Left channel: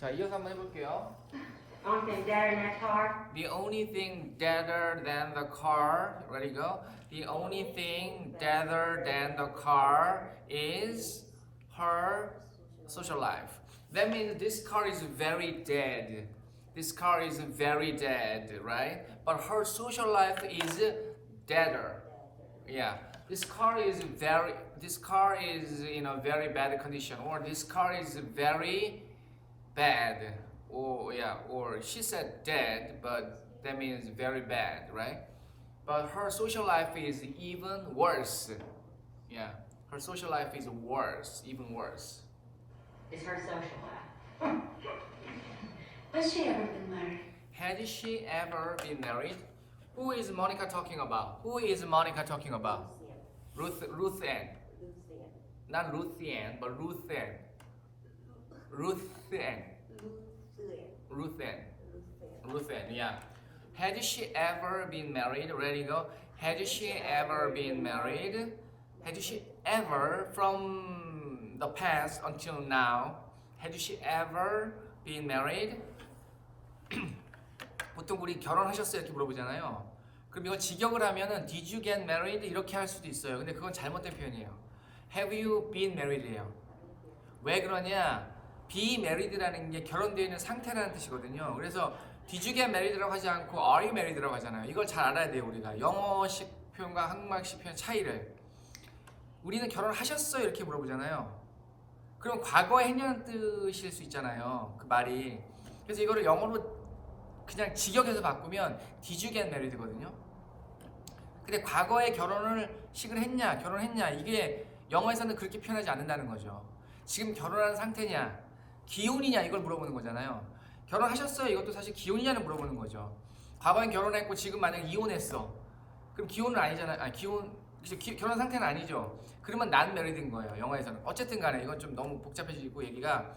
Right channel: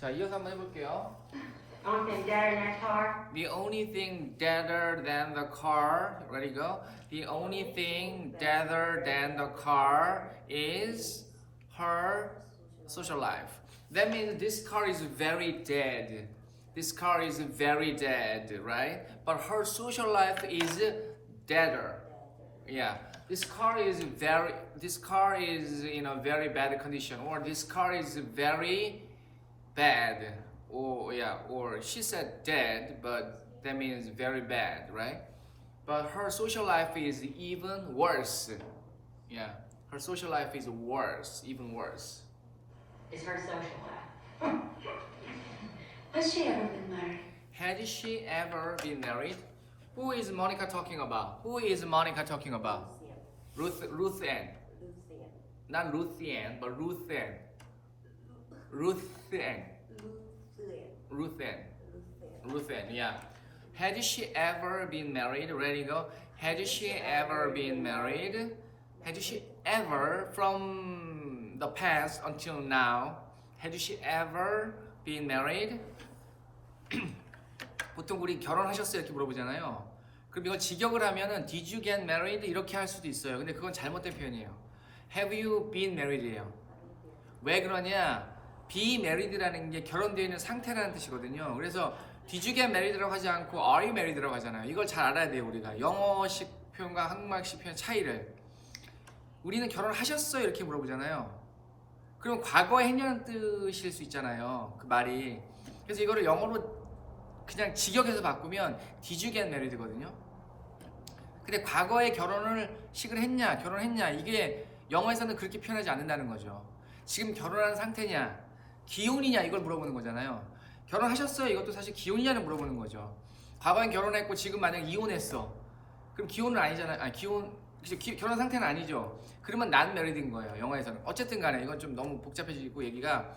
자, 이어서 한번 해볼게요. Only thing deader than a car. The only thing deader than the car. Ready, go. The only thing deader than the car is her social life. That means this car is very dead. This car is very dead, right? But her social life is deader. Yeah. This car is in a very bad condition, or this car is very bad, or she said dead, but that means very bad, right? But her social life is even worse. Yeah, her social life is worse, even worse. Is her social life. Has she ever been married? Had she ever been married? Who is Monica talking about? Who is Monica talking about? Ruth Ann. Not Ruth Ann, but Ruth Ann. Ruth Ann. Ruth Ann. Ruth Ann, yeah. Had she ever been married? Ready, go. Had she ever been married? Had she ever, from the past until now, had she ever been married? 보통 우리 결혼하셨어요? 이렇게 물어보잖아요. 그럼 이걸 직역을 하면은 Did you get married? 이렇게 할 수도 있어요. 근데 그건 잘못된 표현이에요. Have you been married예요. 왜 그러냐? be married라는 게 결혼되어 있는 상태라는 뜻이거든요. 그래서 Did you get married라고 하지 않고 Are you married라고 하잖아요. 이걸 잘 알아야 돼요. 우리가 영어식 표현과 한국말식 표현 차이를. 우리는 결혼하셨어요? 이렇게 물어보잖아요. 그럼 과거에 했냐는 뜻일 수 있잖아요. 그 말이. 그래서 이거를 영어로 그냥 직역해서 바꾸면 Did you get married거든요. 근데 과거에 결혼식을 했냐, 결혼했냐, 이게 영어에서는 그렇게 표현하지 않는다는 거죠. 지금 결혼한 상태냐, 기혼이냐, 이걸 물어보는 거잖아요. 결혼하셨어요? 이것도 사실 기혼이냐를 물어보는 거죠. 과거엔 결혼했고 지금 만약 이혼했어. 그럼 기혼은 아니잖아요. 결혼 상태는 아니죠. 그러면 not married인 거예요. 영어에서는. 어쨌든 간에 이건 좀 너무 복잡해지고 얘기가,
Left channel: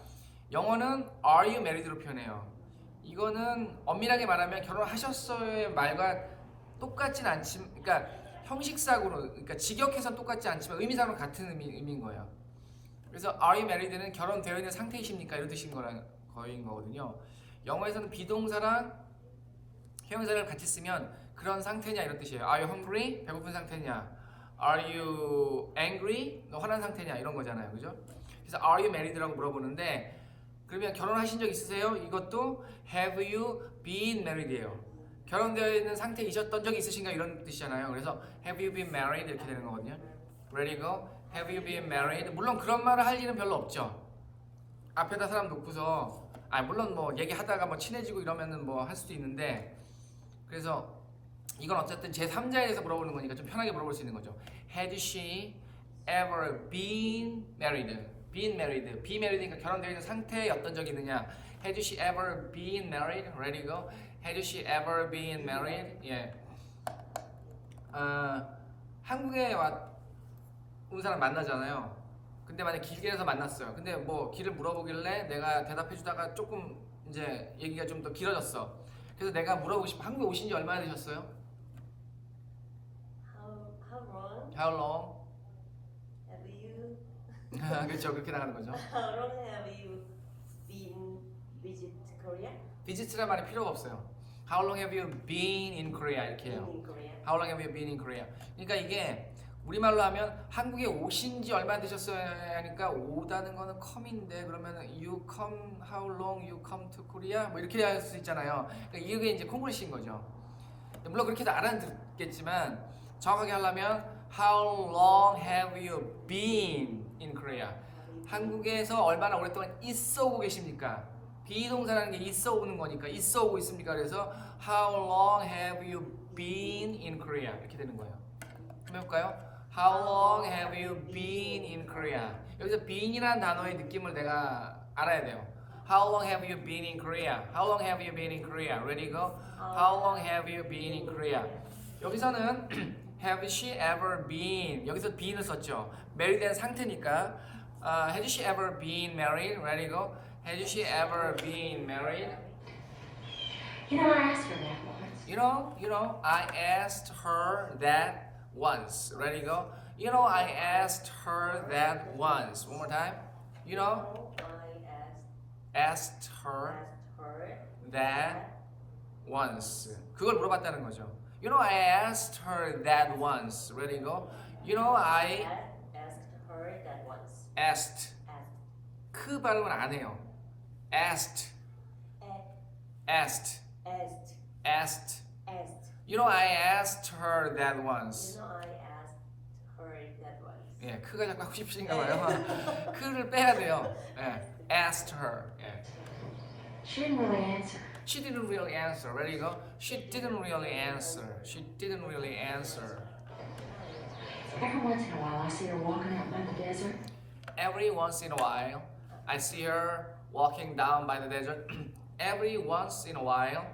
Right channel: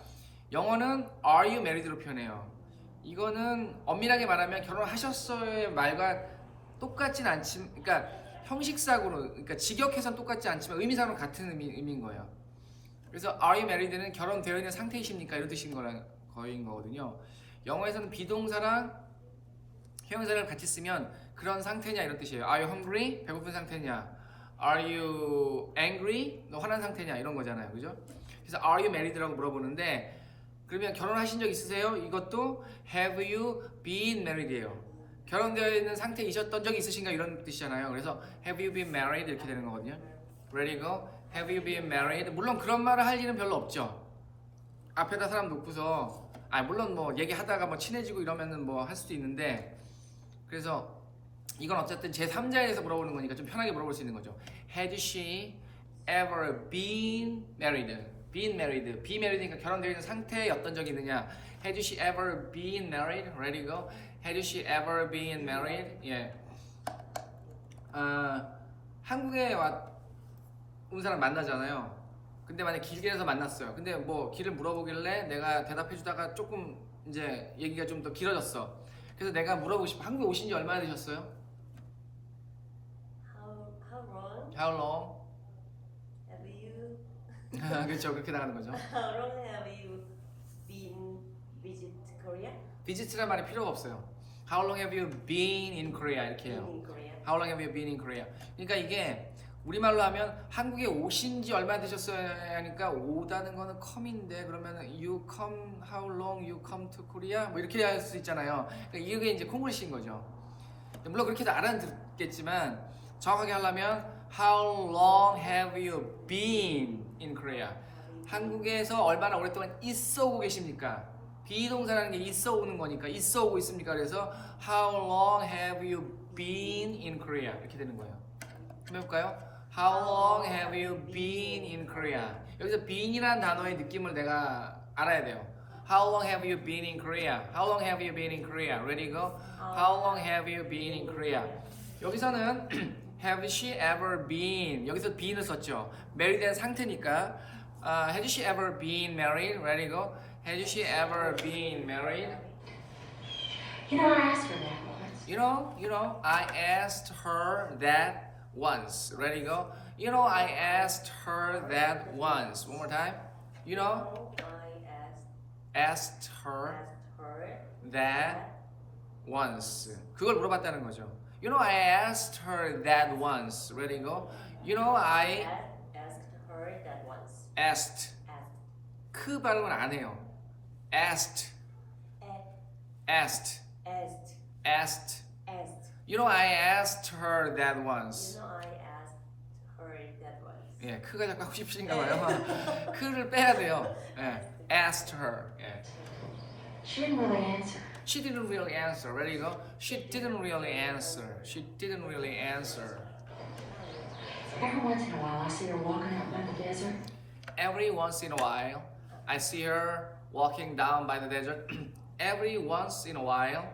영어는 are you married로 표현해요. 이거는 엄밀하게 말하면 결혼하셨어요의 말과 똑같진 않지만, 그러니까 형식상으로, 그러니까 직역해서는 똑같지 않지만 의미상으로 같은 의미인 거예요. 그래서 are you married는 결혼되어 있는 상태이십니까? 이런 뜻인 거인 거거든요. 영어에서는 비동사랑 형용사를 같이 쓰면 그런 상태냐 이런 뜻이에요. Are you hungry? 배고픈 상태냐? Are you angry? 너 화난 상태냐? 이런 거잖아요. 그죠? 그래서 are you married라고 물어보는데, 그러면 결혼하신 적 있으세요? 이것도 have you been married예요. 결혼되어 있는 상태이셨던 적이 있으신가 이런 뜻이잖아요. 그래서 have you been married 이렇게 되는 거거든요. Ready go? Have you been married? 물론 그런 말을 할 일은 별로 없죠. 앞에다 사람 놓고서, 물론 뭐 얘기하다가 뭐 친해지고 이러면은 뭐 할 수도 있는데, 그래서 이건 어쨌든 제3자에서 물어보는 거니까 좀 편하게 물어볼 수 있는 거죠. Had she ever been married? Been married. Be married니까 결혼되어 있는 상태에 어떤 적이 있느냐. Had she ever been married? Ready go? Had she ever been married? 예. 한국에 온 사람 만나잖아요. 근데 만약 길에서 만났어요. 근데 뭐 길을 물어보길래 내가 대답해주다가 조금 이제 얘기가 좀 더 길어졌어. 그래서 내가 물어보고 싶어. 한국에 오신 지 얼마나 되셨어요? How long How long? have you? 그렇죠. 그렇게 나가는 거죠. How long have you been visit Korea? Visit란 말이 필요가 없어요. How long have you been in Korea? 이렇게 해요. In Korea. How long have you been in Korea? 그러니까 이게 우리말로 하면 한국에 오신 지 얼마나 되셨어요 하니까 오다는 거는 come인데, 그러면 you come, how long you come to Korea? 뭐 이렇게 할 수 있잖아요. 그러니까 이게 이제 콩글리시인 거죠. 물론 그렇게도 알아듣겠지만 정확하게 하려면 how long have you been in Korea? 한국에서 얼마나 오랫동안 있어 오고 계십니까? 비동사라는 게 있어 오는 거니까 있어 오고 있습니까? 그래서 how long have you been in Korea? 이렇게 되는 거예요. 한번 해볼까요? How long have you been in Korea? 여기서 been이라는 단어의 느낌을 내가 알아야 돼요. How long have you been in Korea? How long have you been in Korea? Ready go? How long have you been in Korea? 여기서는 have she ever been, 여기서 been을 썼죠. married된 상태니까 had she ever been married? Ready go? Had she ever been married? You know, I asked her that once. You know, I asked her that once. Ready, go. You know, I asked her that once. One more time. You know, I asked asked her that once. 그걸 물어봤다는 거죠. You know, I asked her that once. Ready, go. You know, I asked her that once. asked. Asked. 크 발음을 안 해요. asked, Asked. asked, Asked. asked. Asked. You know, I asked her that once. You know, I asked her that once. 예, 크가 자꾸 하고 싶으신가 봐요. 크를 빼야 돼요. 예, asked her. 예. She didn't really answer. She didn't really answer. Ready, go. She didn't really answer. She didn't really answer. Every once in a while, I see her walking out by the desert. Every once in a while, I see her walking down by the desert. Every once in a while,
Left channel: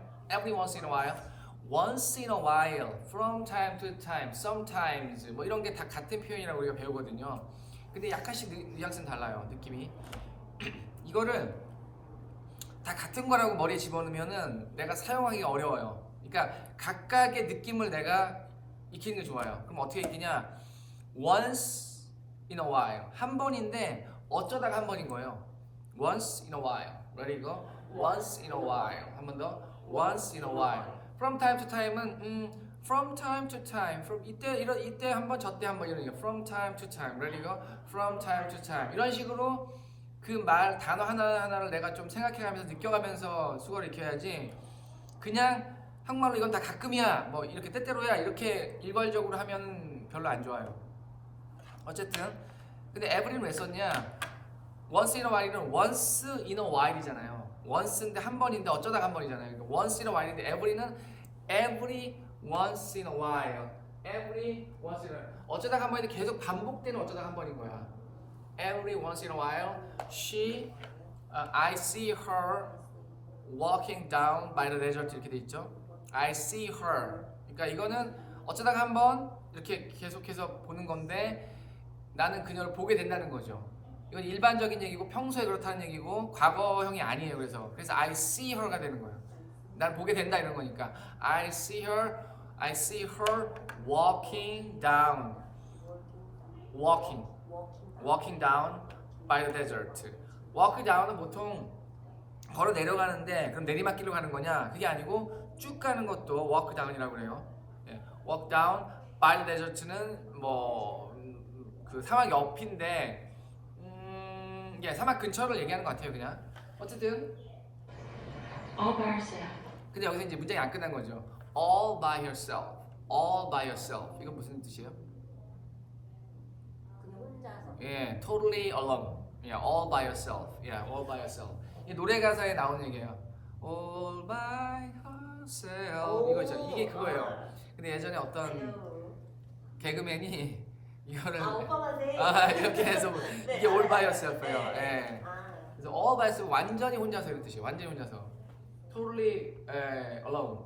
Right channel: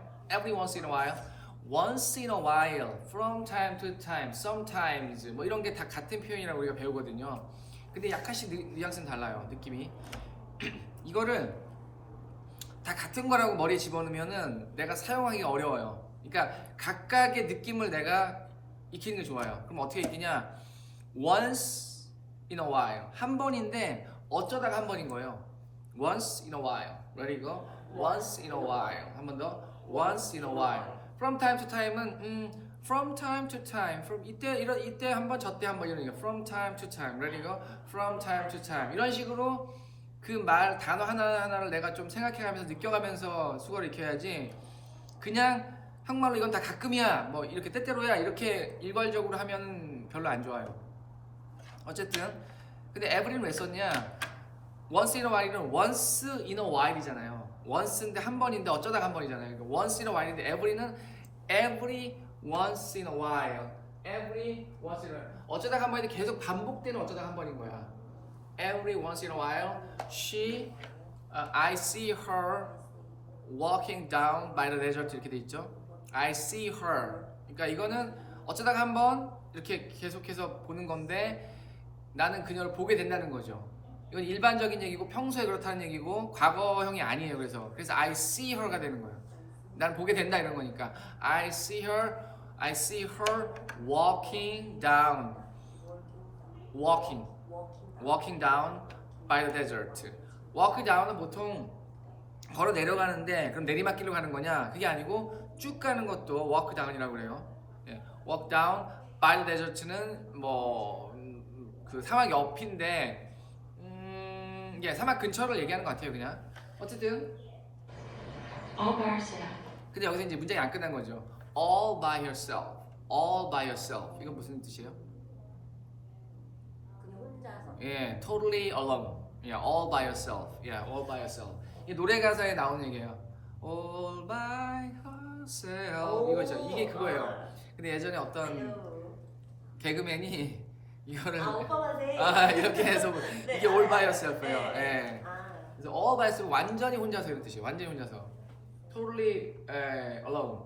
once in a while, from time to time, sometimes 뭐 이런 게 다 같은 표현이라고 우리가 배우거든요. 근데 약간씩 뉘앙스는 달라요, 느낌이. 이거를 다 같은 거라고 머리에 집어넣으면은 내가 사용하기 어려워요. 그러니까 각각의 느낌을 내가 익히는 게 좋아요. 그럼 어떻게 익히냐? Once in a while, 한 번인데 어쩌다가 한 번인 거예요. Once in a while, ready go? Once in a while, 한 번 더. Once in a while. From time to time은 from time to time, from 이때 한 번, 저때 한 번 이런 거. From time to time, ready go? From time to time. 이런 식으로 그 말 단어 하나하나를 내가 좀 생각해가면서 느껴가면서 수거를 익혀야지. 그냥 한국말로 이건 다 가끔이야, 뭐 이렇게 때때로야 이렇게 일괄적으로 하면 별로 안 좋아요. 어쨌든 근데 every는 왜 썼냐? once in a while은 once in a while이잖아요. once인데 한 번인데 어쩌다가 한 번이잖아요. 그러니까 once in a while인데 every는 every once in a while. every once in a while. 어쩌다가 한 번인데 계속 반복되는 어쩌다가 한 번인 거야. every once in a while I see her walking down by the desert 이렇게 돼 있죠. I see her. 그러니까 이거는 어쩌다가 한 번 이렇게 계속해서 보는 건데 나는 그녀를 보게 된다는 거죠. 이건 일반적인 얘기고 평소에 그렇다는 얘기고 과거형이 아니에요. 그래서 I see her가 되는 거예요. 난 보게 된다 이런 거니까 I see her walking down by the desert. walk down은 보통 걸어 내려가는데 그럼 내리막길로 가는 거냐? 그게 아니고 쭉 가는 것도 walk down이라고 그래요. 예, walk down by the desert는 뭐 그 사막 옆인데 이게 사막 근처를 얘기하는 것 같아요. 그냥 어쨌든 All by herself. 근데 여기서 이제 문장이 안 끝난 거죠. all by yourself 이건 무슨 뜻이에요? 그냥 혼자서. 예, totally alone. 예, all by yourself. 예, all by yourself. 이 노래 가사에 나오는 얘기예요. all by yourself. 이거죠. 이게 그거예요. 근데 예전에 어떤 개그맨이 이거를 오빠만 해. 이렇게 해서 네, 이게 all by yourself예요. 네. 예. 그래서 all by yourself 완전히 혼자서 이런 뜻이에요. 완전히 혼자서. totally alone.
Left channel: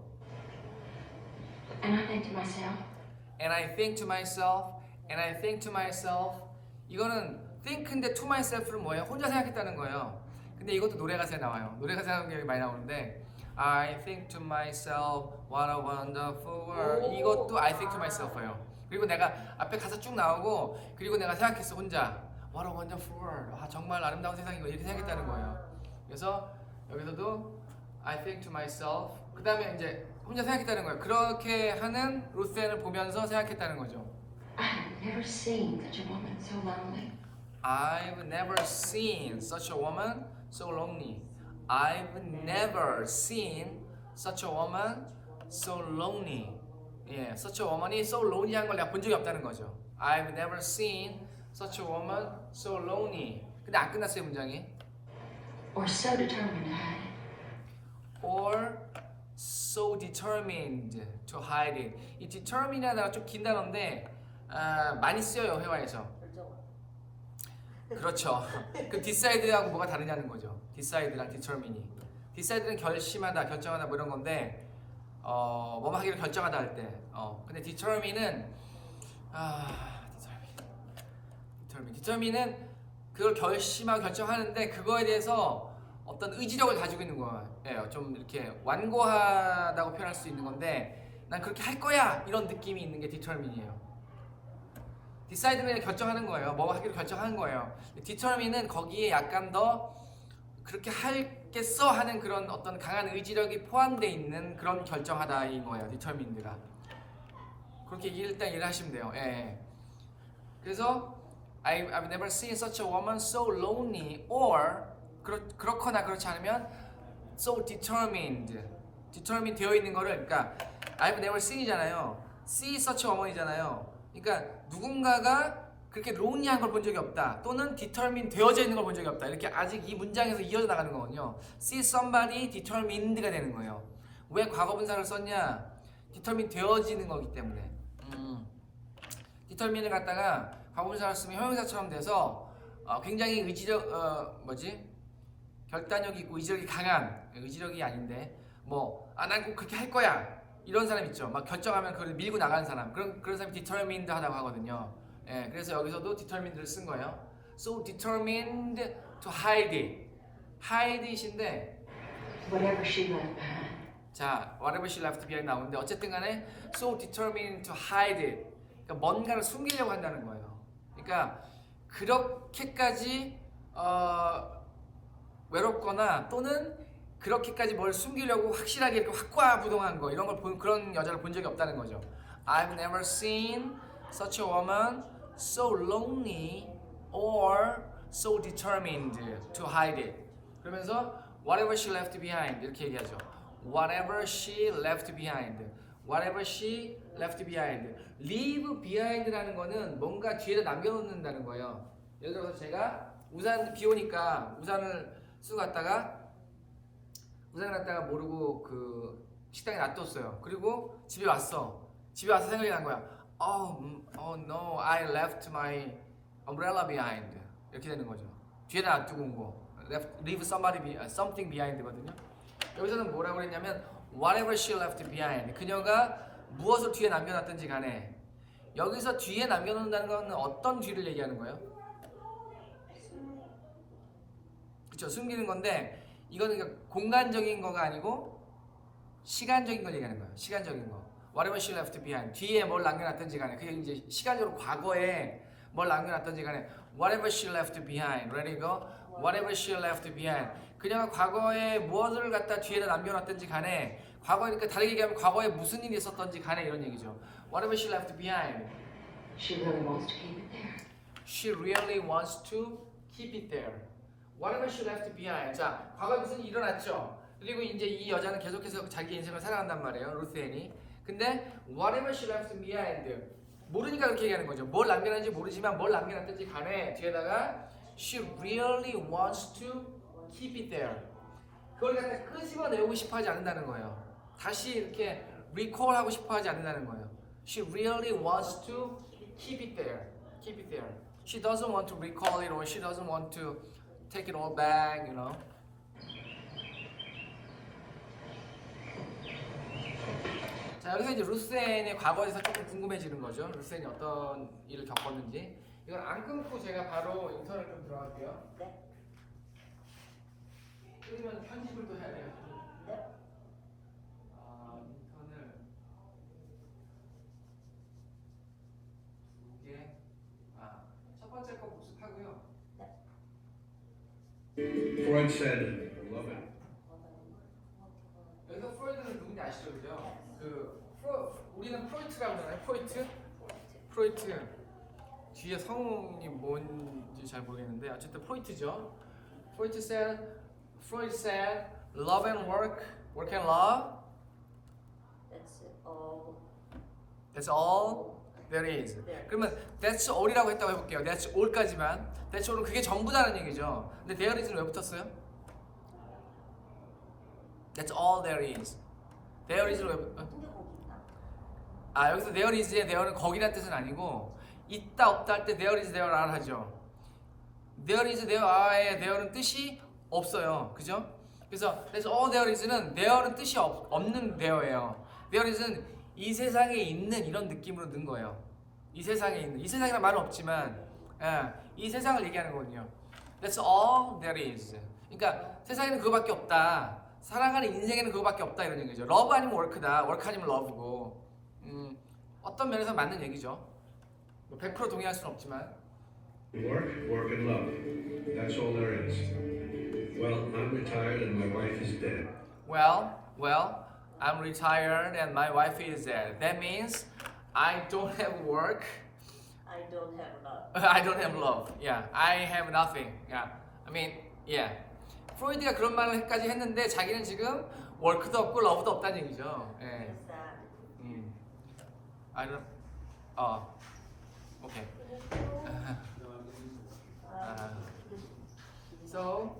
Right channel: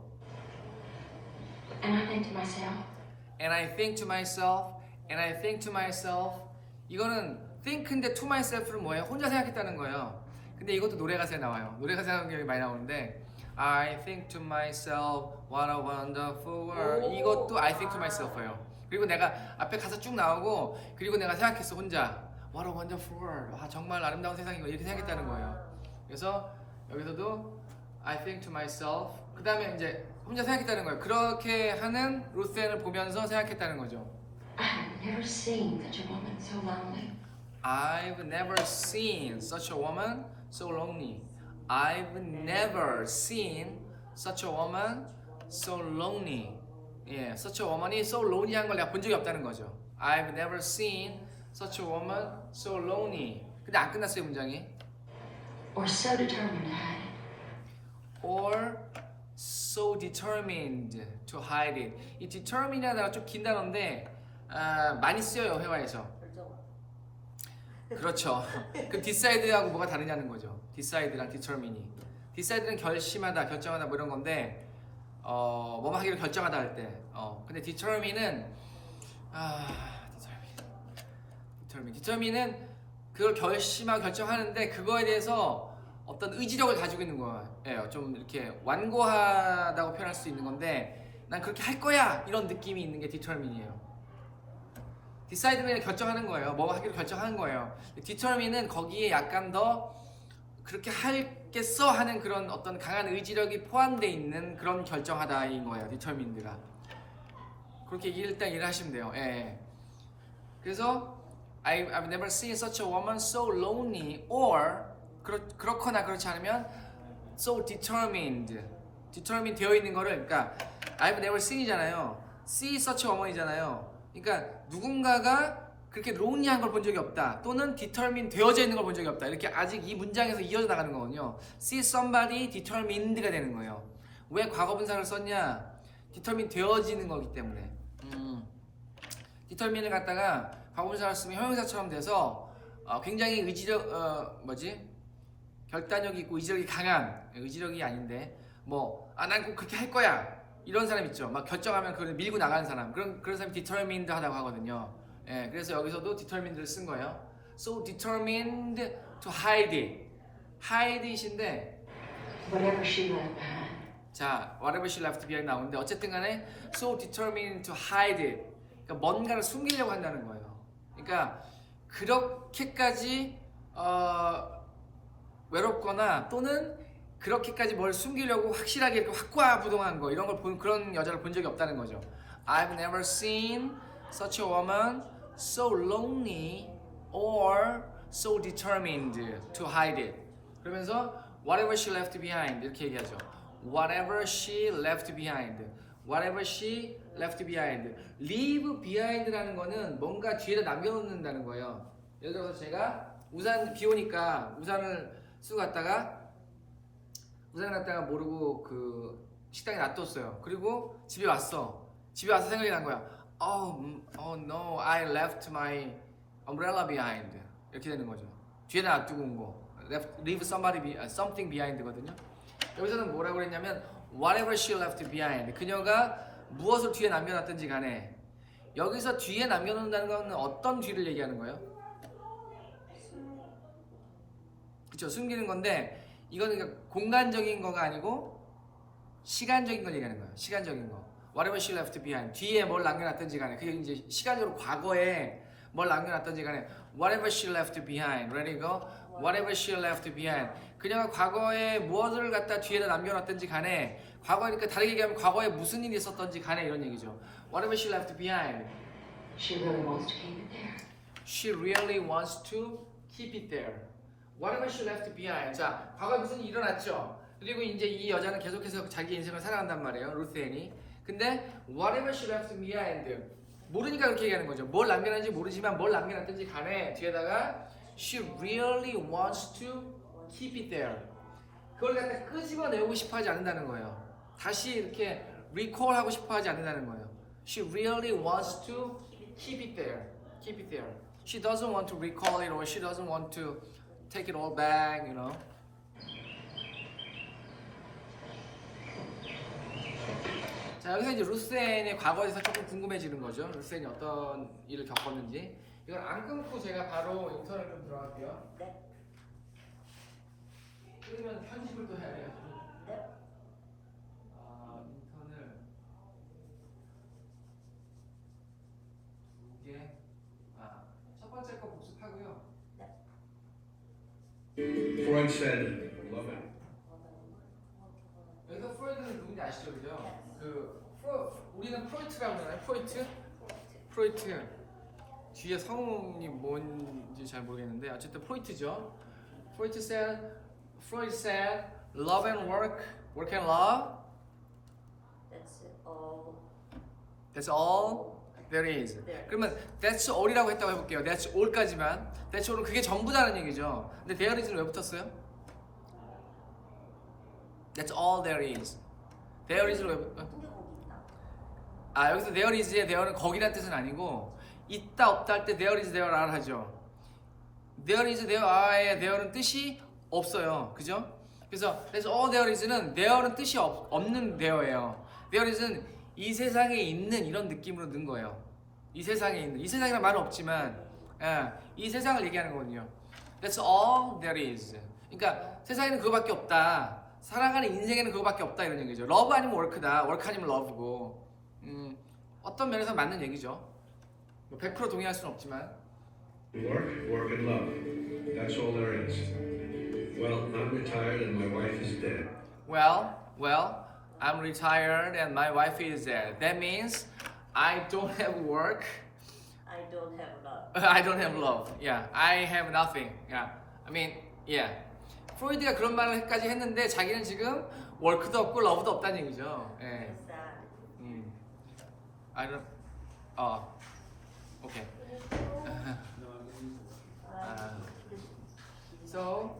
And I think to myself, And I think to myself. 이거는 think인데 to myself는 뭐예요? 혼자 생각했다는 거예요. 근데 이것도 노래 가사에 나와요. 노래 가사 경우에 많이 나오는데 I think to myself, what a wonderful world. 이것도 I think to myself예요. 그리고 내가 앞에 가사 쭉 나오고 그리고 내가 생각했어 혼자 What a wonderful world. 와 정말 아름다운 세상이고 이렇게 생각했다는 거예요. 그래서 여기서도 I think to myself. 그 다음에 이제 혼자 생각했다는 거예요. 그렇게 하는 루센을 보면서 생각했다는 거죠. I've never seen such a woman so lonely. I've never seen such a woman so lonely. I've never seen such a woman so lonely. 예, such a woman이 so lonely한 걸 내가 본 적이 없다는 거죠. I've never seen such a woman so lonely. 근데 안 끝났어요 문장이. Or so determined to hide it. Or so determined to hide it. 이 determine이라는 단어가 좀 긴 단어인데 많이 쓰여요 회화에서. 그렇죠. 그 decide하고 뭐가 다르냐는 거죠. decide랑 determine이. decide는 결심하다, 결정하다 뭐 이런 건데 뭐 하기로 결정하다 할 때. 근데 determine은 determine은 그걸 결심하고 결정하는데 그거에 대해서 어떤 의지력을 가지고 있는 거예요. 좀 이렇게 완고하다고 표현할 수 있는 건데 난 그렇게 할 거야 이런 느낌이 있는 게 determine이에요. decide는 결정하는 거예요. 뭐 하기로 결정하는 거예요. determine은 거기에 약간 더 그렇게 할겠어 하는 그런 어떤 강한 의지력이 포함되어 있는 그런 결정하다 인 거예요. determined가. 그렇게 일단 이해하시면 돼요. 예, 예. 그래서 I've never seen such a woman so lonely or 그렇거나 그렇지 않으면 so determined 되어 있는 거를 그러니까 I've never seen이잖아요. see such a woman이잖아요. 그러니까 누군가가 그렇게 lonely한 걸 본 적이 없다. 또는 determined 되어져 있는 걸 본 적이 없다. 이렇게 아직 이 문장에서 이어져 나가는 거거든요. see somebody determined가 되는 거예요. 왜 과거분사를 썼냐? determined 되어지는 거기 때문에. determine을 갖다가 과거분사를 쓰면 형용사처럼 돼서 굉장히 의지력 결단력이 있고 의지력이 강한 의지력이 아닌데 난 꼭 그렇게 할 거야 이런 사람 있죠. 막 결정하면 그걸 밀고 나가는 사람 그런 사람이 determined 하다고 하거든요. 예, 그래서 여기서도 determined를 쓴 거예요. So determined to hide it인데 Whatever she left behind. 자 whatever she left behind 나오는데 어쨌든 간에 so determined to hide it 그러니까 뭔가를 숨기려고 한다는 거예요. 그러니까 그렇게까지 외롭거나 또는 그렇게까지 뭘 숨기려고 확실하게 이렇게 확고하부동한 거 이런 걸 본 그런 여자를 본 적이 없다는 거죠. I've never seen such a woman so lonely or so determined to hide it. 그러면서 whatever she left behind 이렇게 얘기하죠. Whatever she left behind. Whatever she left behind. Leave behind라는 거는 뭔가 뒤에다 남겨놓는다는 거예요. 예를 들어서 제가 우산 비 오니까 우산을 쓰고 갔다가 모르고 그 식당에 놔뒀어요. 그리고 집에 와서 생각이 난 거야. Oh no, I left my umbrella behind. 이렇게 되는 거죠. 뒤에다 놔두고 온 거. Leave something behind거든요. 여기서는 뭐라고 했냐면 whatever she left behind. 그녀가 무엇을 뒤에 남겨놨든지 간에 여기서 뒤에 남겨놓는다는 건 어떤 뒤를 얘기하는 거예요? 그쵸, 숨기는 건데 이거는 그러니까 공간적인 거가 아니고 시간적인 걸 얘기하는 거예요. 시간적인 거. Whatever she left behind. 뒤에 뭘 남겨놨든지 간에 그게 이제 시간적으로 과거에 뭘 남겨놨든지 간에 Whatever she left behind. Ready go? Whatever she left behind. 그녀가 과거에 무엇을 갖다 뒤에다 남겨놨든지 간에 과거니까 다르게 얘기하면 과거에 무슨 일이 있었던지 간에 이런 얘기죠. Whatever she left behind. She really wants to keep it there. She really wants to keep it there. Whatever she left behind. 자, 과거에 무슨 일이 일어났죠. 그리고 이제 이 여자는 계속해서 자기 인생을 살아간단 말이에요. 루스앤이. 근데 whatever she left behind. 모르니까 그렇게 얘기하는 거죠. 뭘 남겨놨는지 모르지만 뭘 남겨놨든지 간에 뒤에다가 she really wants to keep it there. 그걸 갖다 끄집어내고 싶어 하지 않는다는 거예요. 다시 이렇게 recall 하고 싶어 하지 않는다는 거예요. She really wants to keep it there. Keep it there. She doesn't want to recall it or she doesn't want to take it all back, you know. 자, 여기서 이제 루스앤의 과거에서 조금 궁금해지는 거죠. 루스앤이 어떤 일을 겪었는지. 이걸 안 끊고 제가 바로 용서를 좀 들어갈게요. 네. 끊으면 편집을 또 해야 돼요. 네. 인턴을 이게 첫 번째 거 복습하고요. Freud said, love it. 여기서 프로이드는 누군지 아시죠, 그죠? 우리는 프로이트라고 하잖아요. 프로이트. 뒤에 성이 뭔지 잘 모르겠는데 어쨌든 프로이트죠. Freud said, love and work and love. That's all. That's all there is. 그러면 that's all이라고 했다고 해볼게요. That's all까지만. That's all은 그게 전부다는 얘기죠. 근데 there is는 왜 붙었어요? That's all there is. There is는 왜 붙었어요? 여기서 there is의 there는 거기라는 뜻은 아니고 있다 없다 할 때 there is there are 하죠. There is there are의 there는 뜻이 없어요. 그죠? 그래서 all there is는 there는 뜻이 없는 there예요. There is는 이 세상에 있는 이런 느낌으로 넣은 거예요. 이 세상에 있는. 이 세상이란 말은 없지만 이 세상을 얘기하는 거거든요. That's all there is. 그러니까 세상에는 그거밖에 없다. 살아가는 인생에는 그거밖에 없다 이런 얘기죠. love 아니면 work다. work 아니면 love고. 어떤 면에서 맞는 얘기죠. 100% 동의할 수는 없지만. Work and love. That's all there is. Well, I'm retired and my wife is dead. Well, I'm retired and my wife is dead. That means I don't have work. I don't have love. I don't have love. Yeah, I have nothing. Yeah, I mean, yeah. 프로이드가 그런 말까지 했는데 자기는 지금 워크도 없고 러브도 없다는 얘기죠. 예. That's sad. I don't. Okay. So,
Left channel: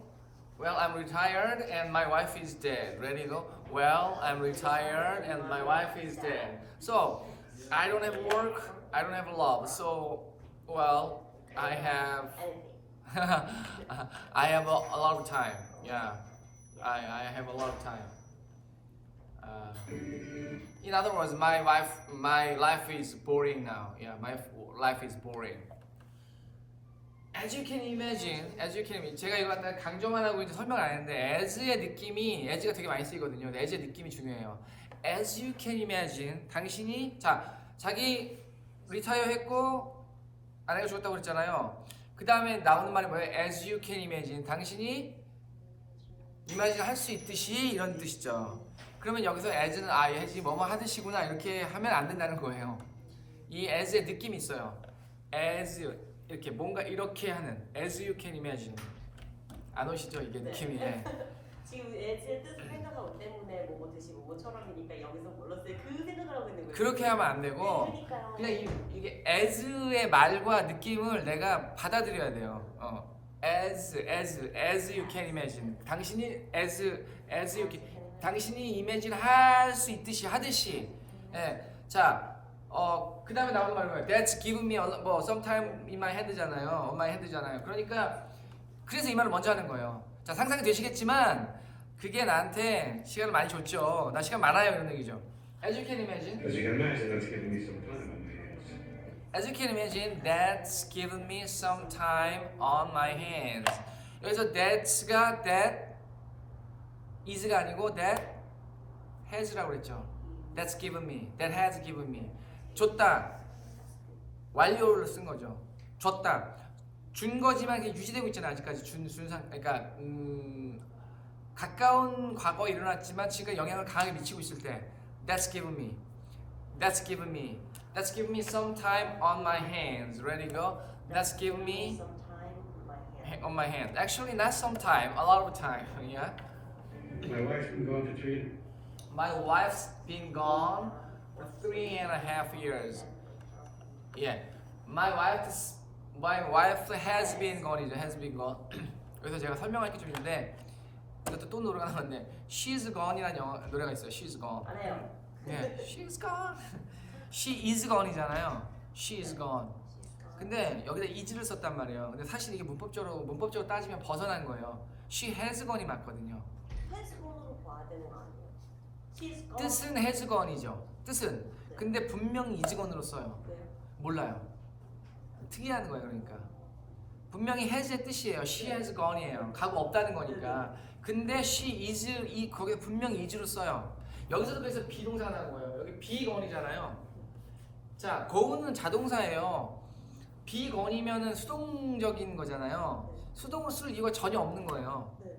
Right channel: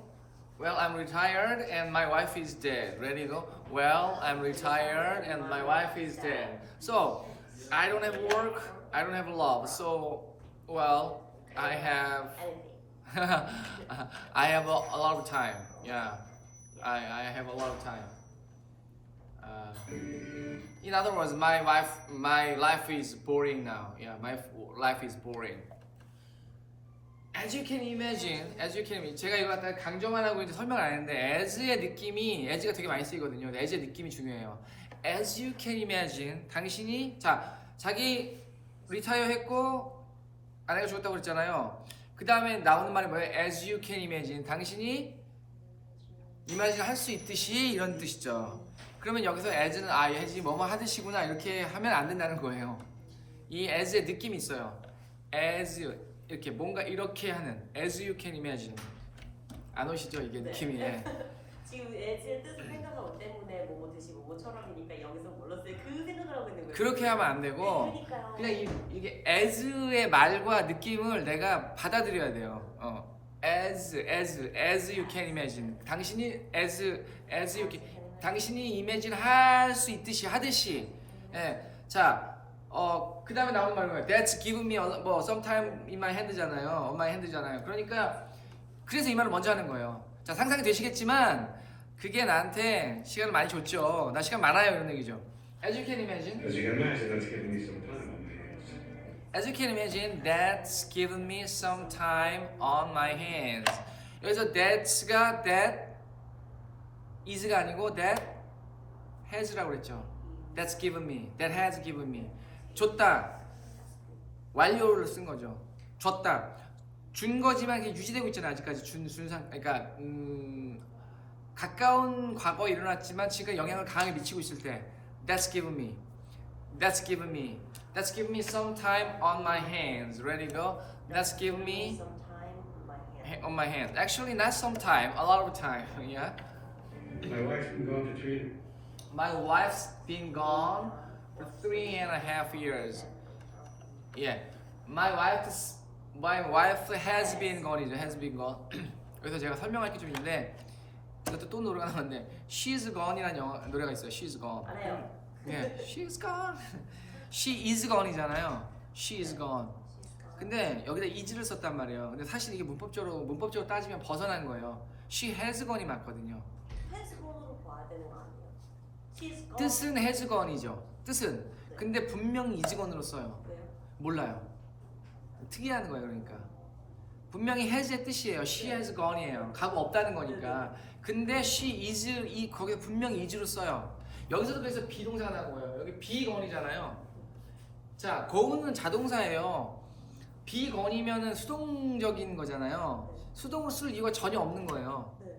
well, I'm retired and my wife is dead. Ready to go? Well, I'm retired and my wife is dead. So, I don't have work. I don't have love. So, well, I have. Anything. I have a lot of time. Yeah, I have a lot of time. In other words, my life is boring now. Yeah, my life is boring. As you can imagine, 제가 이거 갖다 강조만 하고 이제 설명 안 했는데 as의 느낌이 as가 되게 많이 쓰이거든요. as의 느낌이 중요해요. As you can imagine, 당신이 자기 리타이어 했고 아내가 죽었다고 그랬잖아요. 그 다음에 나오는 말이 뭐예요? As you can imagine, 당신이 imagine 할 수 있듯이 이런 뜻이죠. 그러면 여기서 as는 as이 뭐뭐 하듯이구나 이렇게 하면 안 된다는 거예요. 이 as의 느낌이 있어요. as 이렇게 뭔가 이렇게 하는 as you can imagine. 안 오시죠 이게 느낌이. 지금 애지의 뜻을 생각하고 때문에 뭐 드시고 뭐처럼이니까 여기서 몰랐어요. 그 생각을 하고 있는 거예요. 그렇게 하면 안 되고 그러니까요. 그냥 이게 as의 말과 느낌을 내가 받아들여야 돼요. as you can imagine. 당신이 as you can 당신이 imagine 할 수 있듯이 하듯이. 예. 자, 그 다음에 나온 말은 뭐예요? That's given me 뭐 sometime in my hand잖아요. on my hand잖아요. 그러니까 그래서 이 말을 먼저 하는 거예요. 자, 상상이 되시겠지만 그게 나한테 시간을 많이 줬죠. 나 시간 많아요 이런 얘기죠. As you can imagine. As you can imagine, that's given me some time on my hands. As you can imagine, that's given me some time on my hands. 여기서 that's가 that is가 아니고 that has라고 그랬죠. That's given me, that has given me. 줬다. 완료를 쓴 거죠. 줬다. 준 거지만 그게 유지되고 있잖아요. 아직까지 준상. 그러니까 가까운 과거에 일어났지만 지금 영향을 강하게 미치고 있을 때. That's given me. That's given me. That's given me some time on my hands. Ready to go? That's given me some time on my hand. on my hand. Actually, not some time, a lot of time. Yeah. My wife's been gone for 3. My wife's been gone for 3.5 years. Yeah. My wife has been gone이죠. Has been gone. 그래서 제가 설명할 게 좀 있는데 이것도 또 노래가 나왔는데 She's Gone이라는 노래가 있어요. She's Gone. 안 해요. 예, she's gone. She is gone이잖아요. She is gone. 근데 여기다 is를 썼단 말이에요. 근데 사실 이게 문법적으로 따지면 벗어난 거예요. She has gone이 맞거든요. 헬스본으로 봐야 되는 거 아니에요? She's gone. 뜻은 has gone이죠. 뜻은. 근데 분명히 is gone으로 써요. 왜요? 몰라요. 특이한 거예요, 그러니까. 분명히 has의 뜻이에요. She has gone이에요. 가고 없다는 거니까. 근데 she is 거기에 분명히 is로 써요. 여기서도 그래서 비동사가 나온 거예요. 여기 be gone이잖아요. 자, go는 자동사예요. be gone이면은 수동적인 거잖아요. 수동으로 쓸 이유가 전혀 없는 거예요. 네.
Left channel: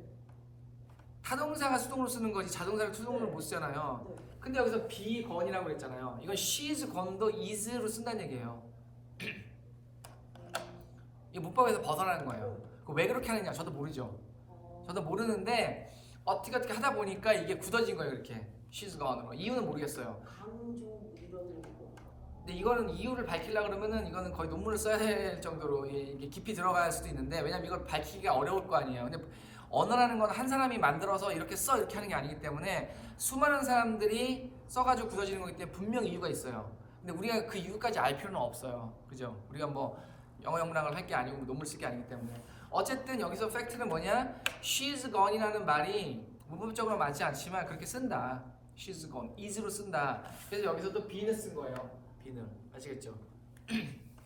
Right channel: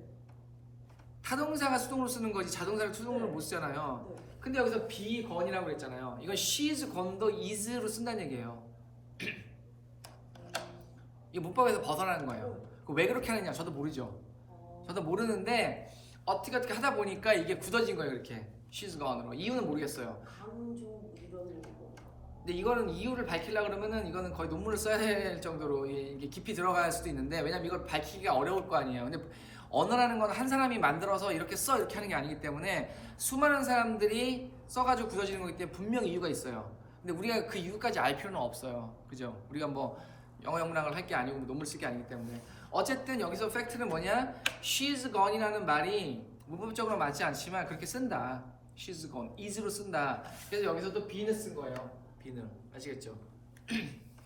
타동사가 수동으로 쓰는 거지 자동사를 수동으로 못 쓰잖아요. 네. 근데 여기서 be gone이라고 그랬잖아요. 이건 she's gone도 is로 쓴다는 얘기예요. 이 문법에서 벗어나는 거예요. 왜 그렇게 하느냐 저도 모르죠. 저도 모르는데 어떻게 하다 보니까 이게 굳어진 거예요. 이렇게 she's gone. 이유는 모르겠어요. 강조 이런 거. 근데 이거는 이유를 밝히려고 그러면은 이거는 거의 논문을 써야 될 정도로 이게 깊이 들어갈 수도 있는데 왜냐면 이걸 밝히기가 어려울 거 아니에요. 근데 언어라는 건 한 사람이 만들어서 이렇게 써 이렇게 하는 게 아니기 때문에 수많은 사람들이 써가지고 굳어지는 거기 때문에 분명 이유가 있어요. 근데 우리가 그 이유까지 알 필요는 없어요. 그죠? 우리가 뭐 영어 영문학을 할 게 아니고 뭐 논문 쓸 게 아니기 때문에 어쨌든 여기서 팩트는 뭐냐? She's gone이라는 말이 문법적으로 맞지 않지만 그렇게 쓴다. She's gone, is로 쓴다. 그래서 여기서 또 be는 쓴 거예요. be는 아시겠죠?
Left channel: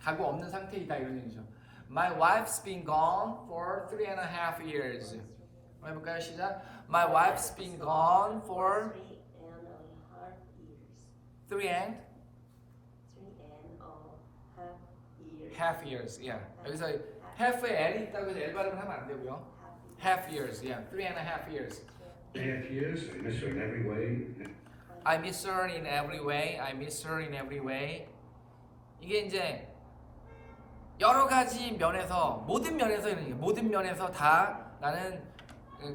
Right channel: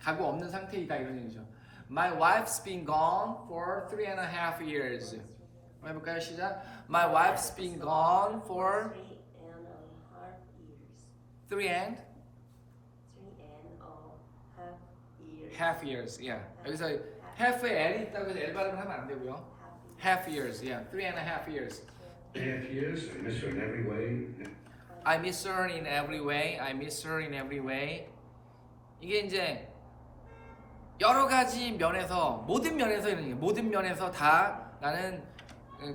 가고 없는 상태이다 이런 얘기죠. My wife's been gone for 3.5 years. 한번 해볼까요? 시작. My wife's been gone for 3.5 years. 3.5 years. Yeah. 여기서 half에 L이 있다고 해서 L 발음을 하면 안 되고요. half years. Yeah, 3.5 years. 3.5 years. I miss her in every way. I miss her in every way. I miss her in every way. 이게 이제 여러 가지 면에서 모든 면에서 이런 게 모든 면에서 다 나는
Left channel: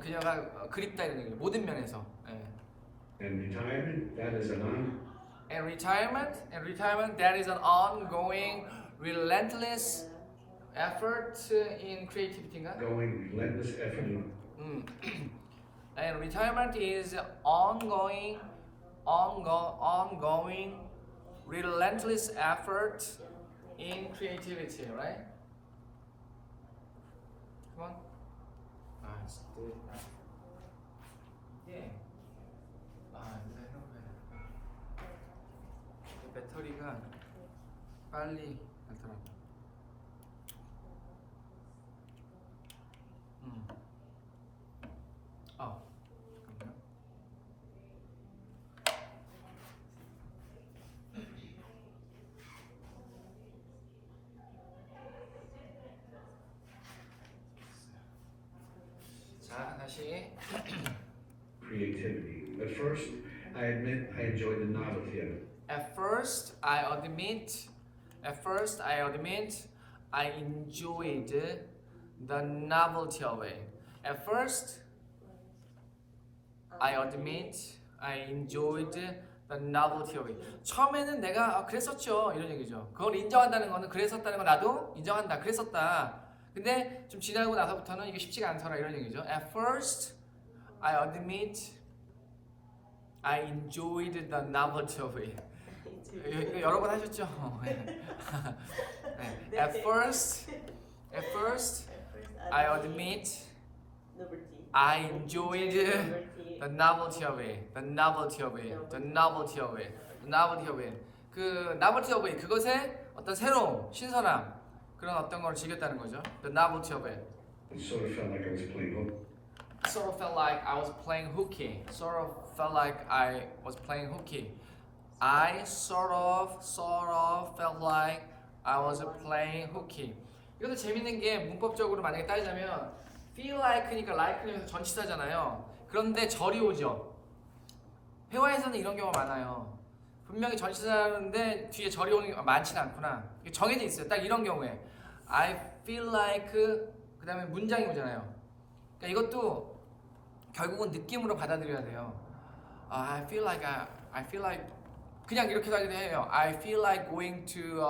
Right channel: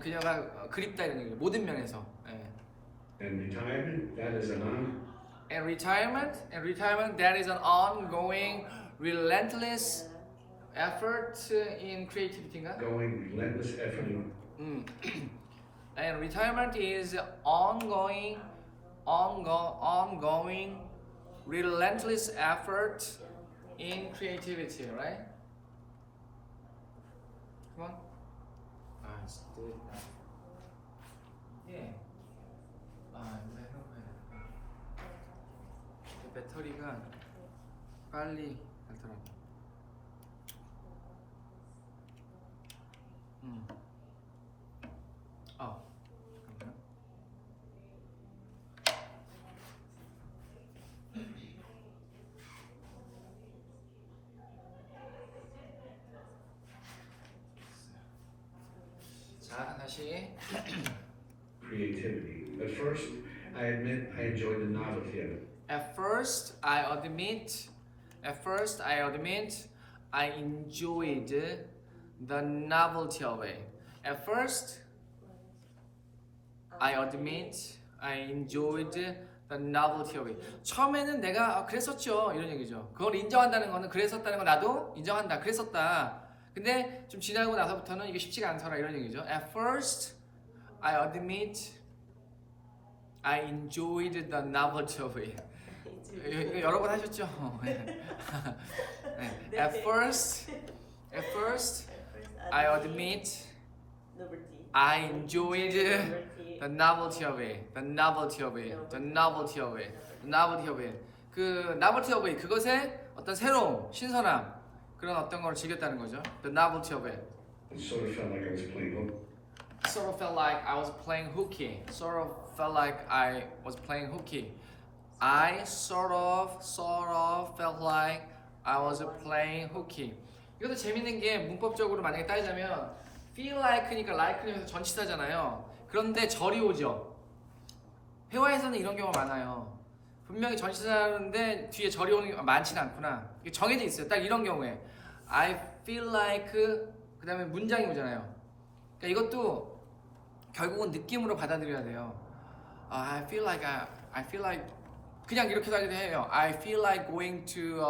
그녀가 그립다 이런 게 모든 면에서. 예. And retirement, that is an And retirement that is an ongoing, relentless effort in creativity인가? ongoing, relentless effort. And retirement is ongoing, relentless effort in creativity, right? Come on. Let's do it now. Yeah. 배터리가 빨리 닳더라고. 잠깐만요. 자, 다시. Creativity. At first, I admit I enjoyed the novelty of it. At first, I admit, I enjoyed the novelty of it. At first, I admit, I enjoyed the novelty of it. 처음에는 내가 그랬었죠 이런 얘기죠. 그걸 인정한다는 거는 그랬었다는 거 나도 인정한다. 그랬었다. 근데 좀 지나고 나서부터는 이게 쉽지가 않더라 이런 얘기죠. At first, I admit, I enjoyed the novelty of it. 이거 여러 번 하셨죠? 네. At first, I admit, Number T. I enjoyed the novelty of it. The novelty of it. The novelty of it. The novelty of it. 그 novelty of it 그것의 어떤 새로움, 신선함 그런 어떤 걸 즐겼다는 거죠. The novelty of it. It sort of felt like I was playing hook. Sort of felt like I was playing hooky. Sort of felt like I was playing hooky. I sort of felt like I was playing hooky. 이것도 재밌는 게 문법적으로 만약에 따지자면 feel like니까 like는 전치사잖아요. 그런데 절이 오죠. 회화에서는 이런 경우가 많아요. 분명히 전치사인데 뒤에 절이 오는 게 많지는 않구나. 이게 정해져 있어요. 딱 이런 경우에 I feel like 그 다음에 문장이 오잖아요. 그러니까 이것도 결국은 느낌으로 받아들여야 돼요. I feel like 그냥 이렇게 가기도 해요. I feel like going to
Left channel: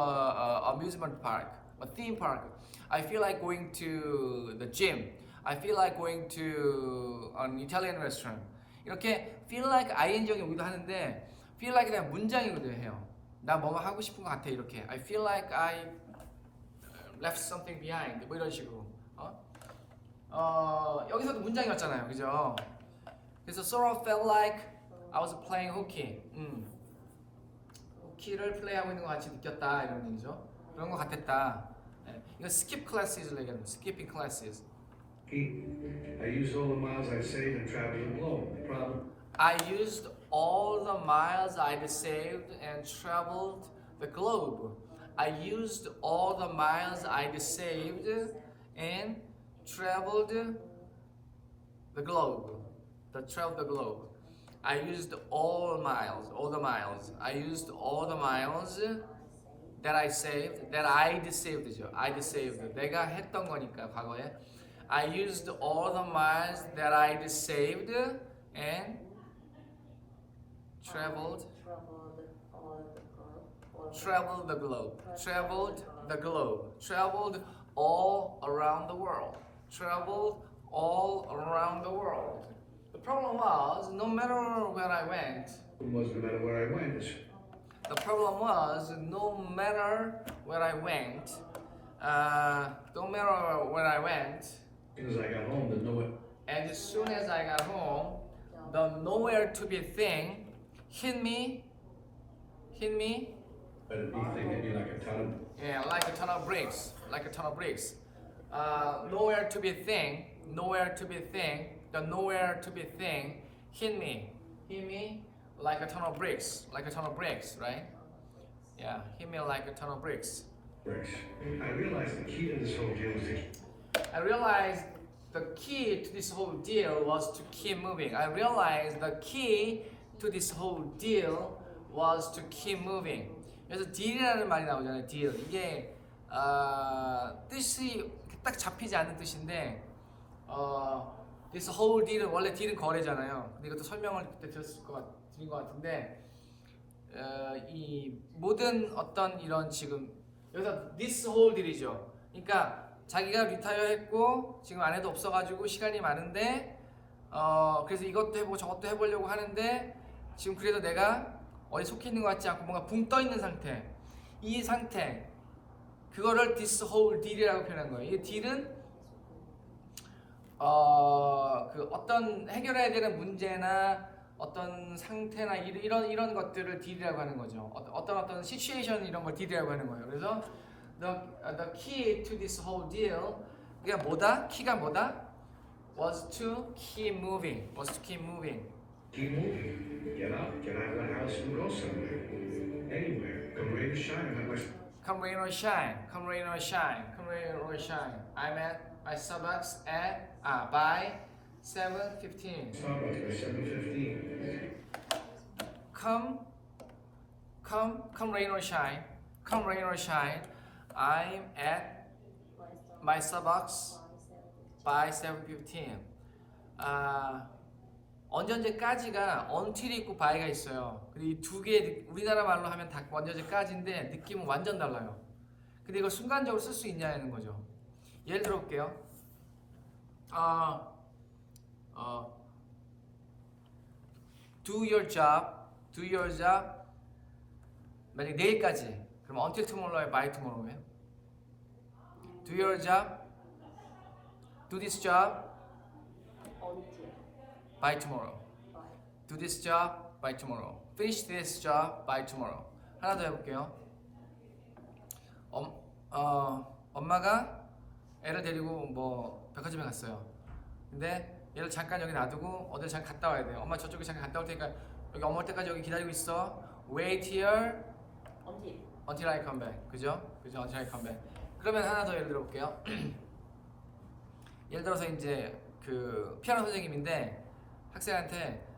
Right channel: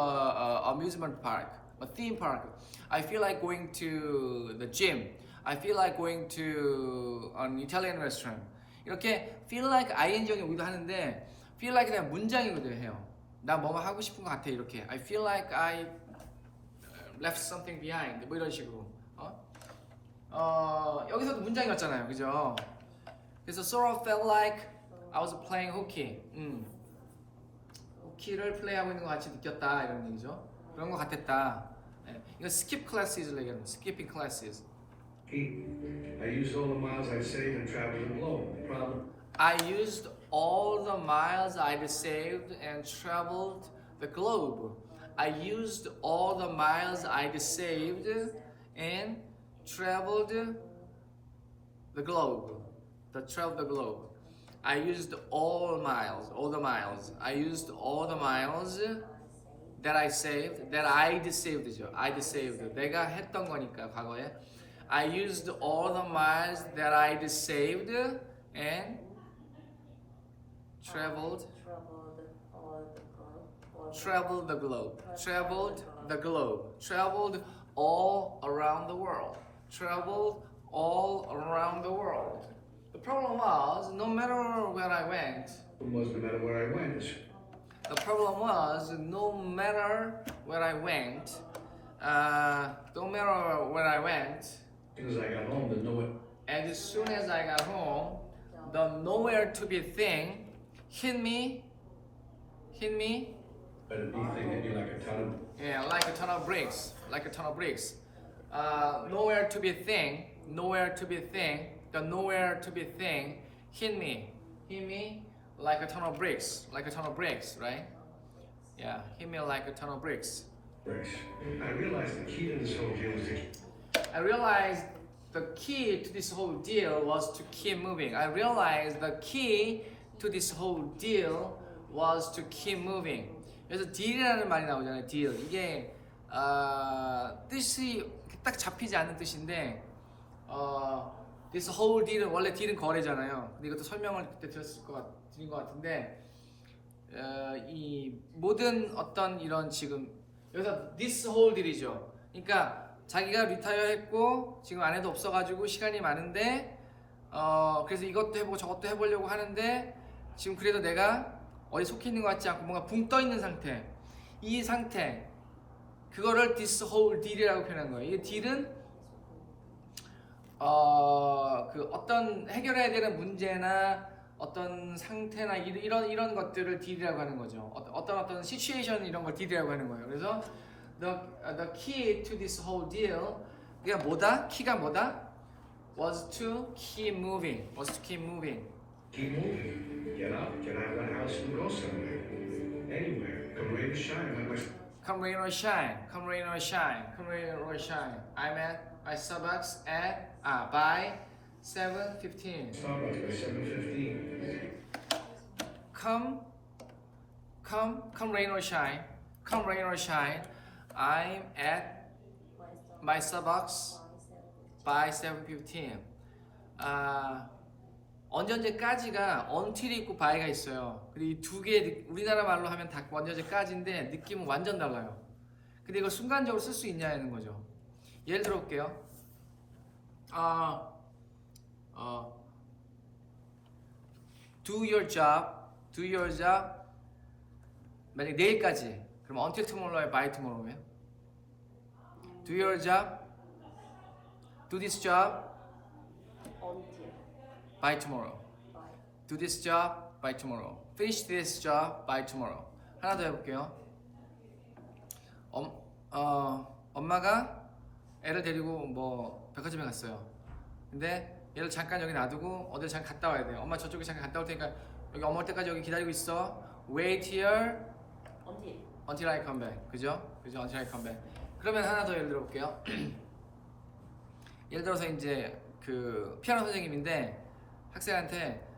amusement park, a theme park. I feel like going to the gym. I feel like going to an Italian restaurant. 이렇게 feel like ing에 오기도 하는데 feel like 그냥 문장이기도 해요. 나 뭔가 하고 싶은 것 같아 이렇게. I feel like I left something behind. 뭐 이런 식으로. 여기서도 문장이었잖아요, 그죠? 그래서 sort of felt like I was playing hooky. 호키를 플레이하고 있는 것 같이 느꼈다 이런 얘기죠. 그런 것 같았다. 네. 이거 skip classes 얘기하는 skipping classes. I used all the miles I saved and traveled the globe. The problem, I used all the miles I'd saved and traveled the globe. I used all the miles I'd saved and traveled the globe. Traveled the globe. I used all the miles. I used all the miles that I saved, that I'd saved죠. I'd saved. 내가 했던 거니까 과거에. I used all the miles that I'd saved and traveled the globe. Traveled the globe. Traveled all around the world. Traveled all around the world. The problem was, no matter where I went, was no matter where I went, the problem was, no matter where I went, as soon as I got home, the nowhere to be thing hit me, but a big thing hit me like a ton. yeah, like a ton of bricks. Nowhere to be thing, the nowhere to be thing hit me like a ton of bricks, right? Yeah, hit me like a ton of bricks. I realized the key to this whole deal is I realized the key to this whole deal was to keep moving. I realized the key to this whole deal was to keep moving. 그래서 deal이라는 말이 나오잖아요. deal. 이게 뜻이 딱 잡히지 않는 뜻인데 this whole deal은 원래 deal은 거래잖아요. 근데 이것도 설명을 그때 드린 것 같은데 이 모든 어떤 이런 지금 여기서 this whole deal이죠. 그러니까 자기가 리타이어 했고 지금 아내도 없어가지고 시간이 많은데 그래서 이것도 해보고 저것도 해보려고 하는데 지금 그래도 내가 어디 속해 있는 것 같지 않고 뭔가 붕 떠 있는 상태. 이 상태 그거를 this whole deal이라고 표현한 거예요. 이 deal은 그 어떤 해결해야 되는 문제나 어떤 상태나 이런 것들을 deal이라고 하는 거죠. 어떤 situation 이런 걸 deal이라고 하는 거예요. 그래서 the key to this whole deal 그게 뭐다? 키가 뭐다? was to keep moving. was to keep moving. Keep moving. Get up, get out of the house and go somewhere. Anywhere. Come rain or shine. Come rain or shine. Come rain or shine. Come rain or shine. I'm at my Starbucks at by 7:15. Starbucks by 7:15. Come rain or shine. Come rain or shine. I'm at my Starbucks by 7:15. 언제까지가 until이 있고 by가 있어요. 근데 이 두 개 우리나라 말로 하면 다 언제까지인데 느낌은 완전 달라요. 근데 이걸 순간적으로 쓸 수 있냐는 거죠. 예를 들어 볼게요. Do your job. 만약 내일까지. 그럼 until tomorrow에 by tomorrow에. Do your job. Do this job by tomorrow. Do this job by tomorrow. Finish this job by tomorrow. 하나 더 해볼게요. 엄마가 애를 데리고 뭐 백화점에 갔어요. 근데 얘를 잠깐 여기 놔두고 어딜 잠깐 갔다 와야 돼요. 엄마 저쪽에 잠깐 갔다 올 테니까 여기 엄마 올 때까지 여기 기다리고 있어. Wait here until I come back. 그죠? Until I come back. 그러면 하나 더 예를 들어 볼게요. 예를 들어서 이제 그 피아노 선생님인데 학생한테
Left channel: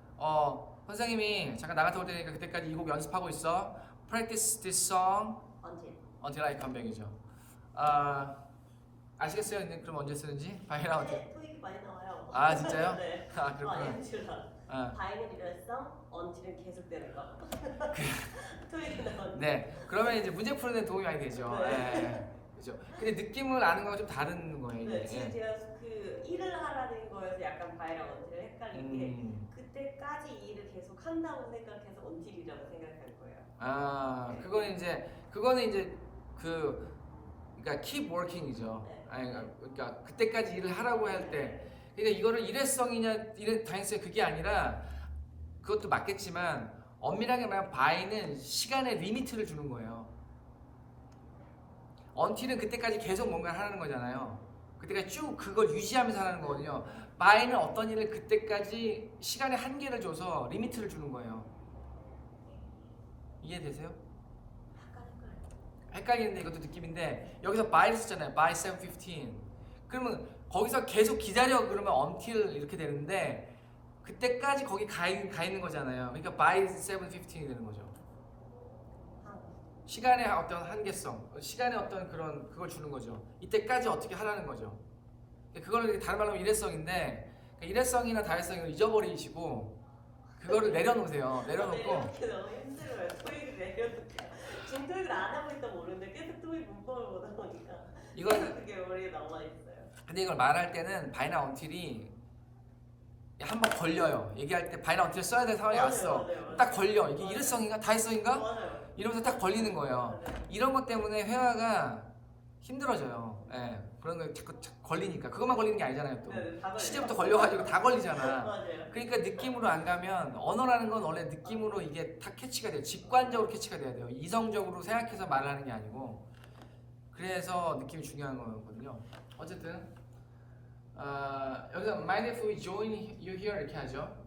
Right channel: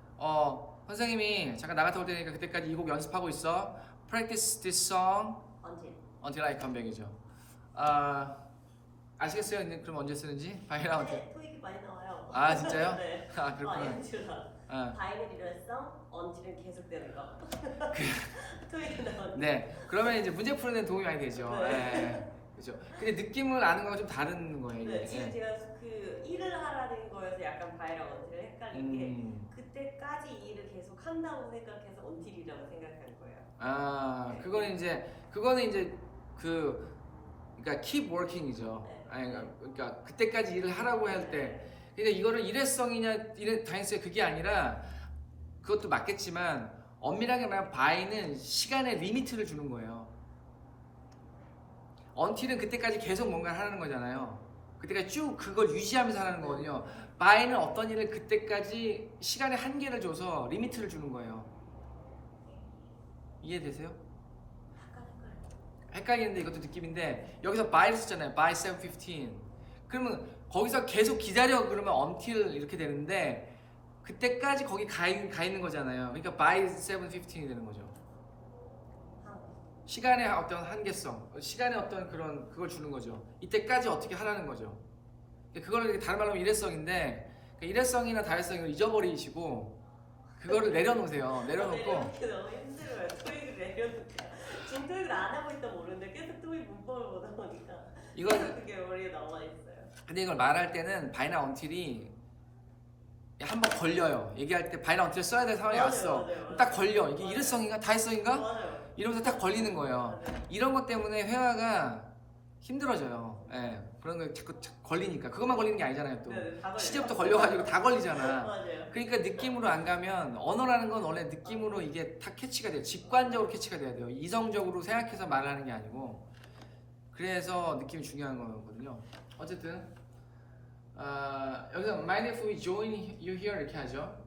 선생님이 잠깐 나갔다 올 테니까 그때까지 이 곡 연습하고 있어. Practice this song until I come back이죠. 아시겠어요? 이제 그럼 언제 쓰는지? 바이라 어떻게? 토익이 많이 나와요. 아 진짜요? 네. 아 그렇구나. 바이는 일어났어? 언틸은 계속되는 거. 토익이 나오는. 네. 그러면 이제 문제 푸는 데 도움이 많이 되죠. 네. 그죠. 근데 느낌을 아는 건 좀 다른 거예요. 네, 이게. 지금 제가 그 일을 하라는 거여서 약간 바이랑 언틸을 헷갈린 게 그때까지 일을 계속 한다고 생각해서 언틸이라고 생각한 거예요. 그거는 이제 그러니까 keep working이죠. 네. 아니 그러니까 그때까지 일을 하라고 할 때, 그러니까 이거를 일회성이냐 일회 당연히 그게 아니라 그것도 맞겠지만 엄밀하게 말하면 by는 시간의 리미트를 주는 거예요. until은 그때까지 계속 뭔가를 하는 거잖아요. 그때까지 쭉 그걸 유지하면서 하는 거거든요. by는 어떤 일을 그때까지 시간의 한계를 줘서 리미트를 주는 거예요. 이해되세요? 헷갈리는데 이것도 느낌인데 여기서 by를 썼잖아요. by 7:15. 그러면 거기서 계속 기다려 그러면 until 이렇게 되는데 그때까지 거기 가 있는 거잖아요. 그러니까 by 7:15이 되는 거죠. 시간의 어떤 한계성, 시간의 어떤 그걸 주는 거죠. 이때까지 어떻게 하라는 거죠. 그거는 다른 말로 일회성인데 일회성이나 다회성을 잊어버리시고 그거를 내려놓으세요. 내려놓고. 너무 힘들어요. 토익을 내려놓고. 지금 토익을 안 하고 있다 모르는데 계속 토익 문법을 보다 보니까 계속 그게 머리에 남아 있어요. 근데 이걸 말할 때는 by나 until이 한번 걸려요. 얘기할 때 by나 until 써야 될 상황이 왔어. 맞아요. 딱 걸려. 이게 일회성인가 다회성인가? 맞아요. 이러면서 딱 걸리는 거예요. 이런 것 때문에 회화가 힘들어져요. 예, 그런 거 자꾸 걸리니까. 그것만 걸리는 게 아니잖아요. 또 네, 다 걸려요. 시제부터 걸려가지고 다 걸리잖아. 맞아요. 그러니까 느낌으로 안 가면 언어라는 건 원래 느낌으로 이게 다 캐치가 돼요. 직관적으로 캐치가 돼야 돼요. 이성적으로 생각해서 말하는 게 아니고. 그래서 느낌이 중요한 거거든요. 어쨌든 여기서 mind if we join you here 이렇게 하죠.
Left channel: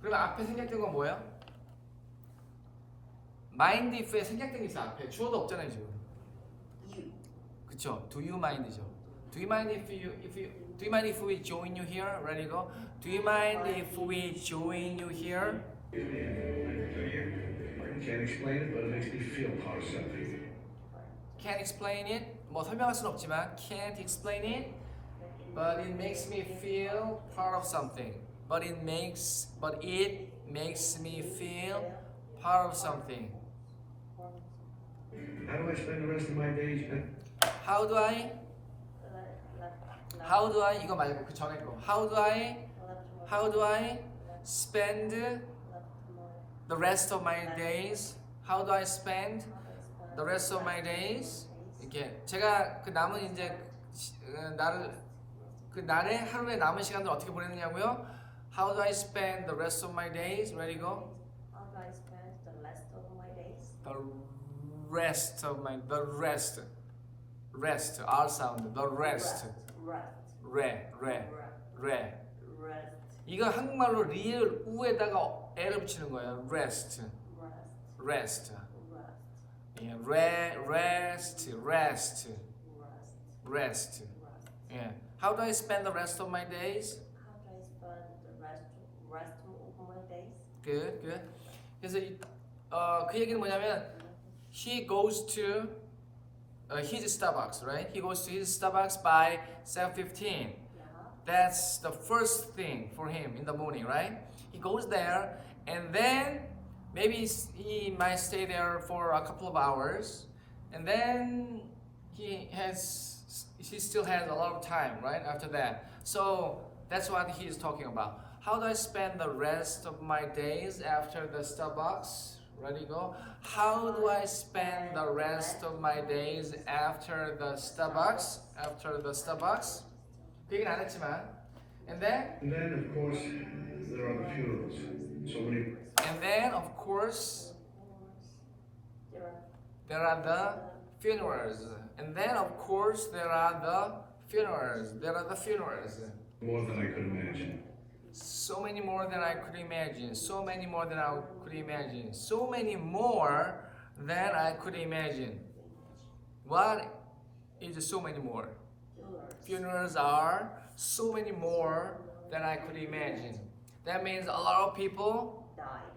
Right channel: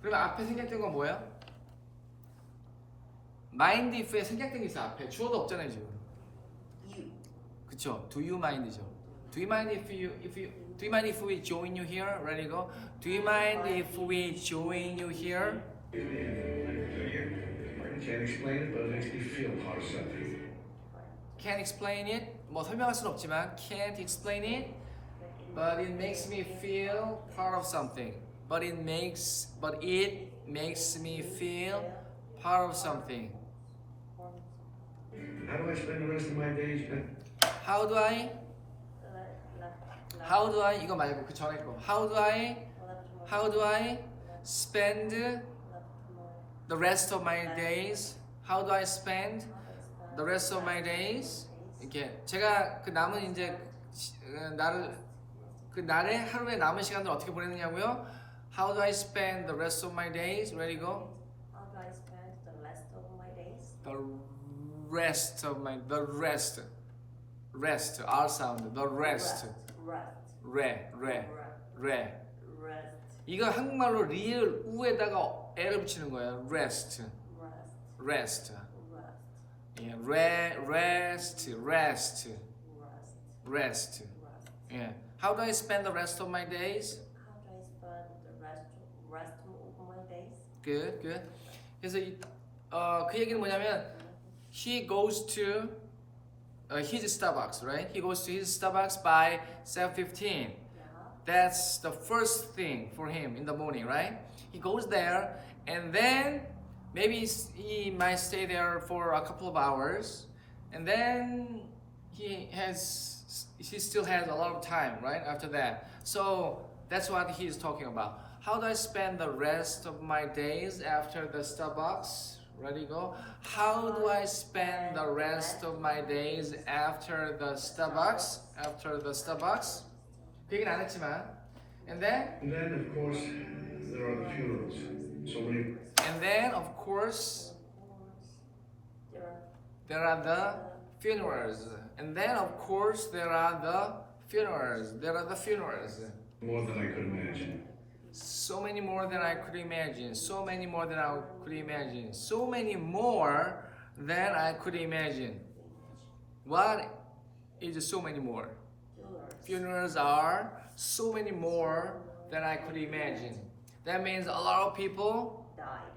그러면 앞에 생략된 건 뭐예요? mind if에 생략된 게 있어. 앞에 주어도 없잖아요 지금. You. 그쵸? Do you mind이죠. Do you mind if do you mind if we join you here? Ready go? Do you mind if we join you here? Can't explain it, but it makes me feel part of something. Can't explain it. 뭐 설명할 수는 없지만 can't explain it, but it makes me feel part of something. But it makes me feel part of something. How do I spend the rest of my days? How do I 이거 말고 그 전에 거. How do I spend the rest of my days? How do I spend the rest of my days? 이렇게 제가 그 남은 이제 날의 하루의 남은 시간을 어떻게 보내느냐고요? How do I spend the rest of my days? Ready go? How do I spend the rest of my days? The rest R sound the rest re Rest. 이거 한국말로 리을 우에다가 L을 붙이는 거예요. rest Rest. 예, rest 예. How do I spend the rest of my days? How do I spend the rest of my days? Good. 그래서 그 얘기는 뭐냐면 he goes to his Starbucks, right? He goes to his Starbucks by 7:15. Yeah. That's the first thing for him in the morning, right? He goes there and then maybe he might stay there for a couple of hours and then he still has a lot of time, right? After that. So that's what he's talking about. How do I spend the rest of my days after the Starbucks? Ready go? How do I spend the rest of my days after the Starbucks? 그 얘기는 안 했지만 and then And then, of course, there are the funerals. So many. And then, of course, there are the funerals. And then, of course, there are the funerals. More than I could imagine. So many more than I could imagine. So many more than I could imagine. So many more than I could imagine. What is so many more? Funerals are so many more than I could imagine. That means a lot of people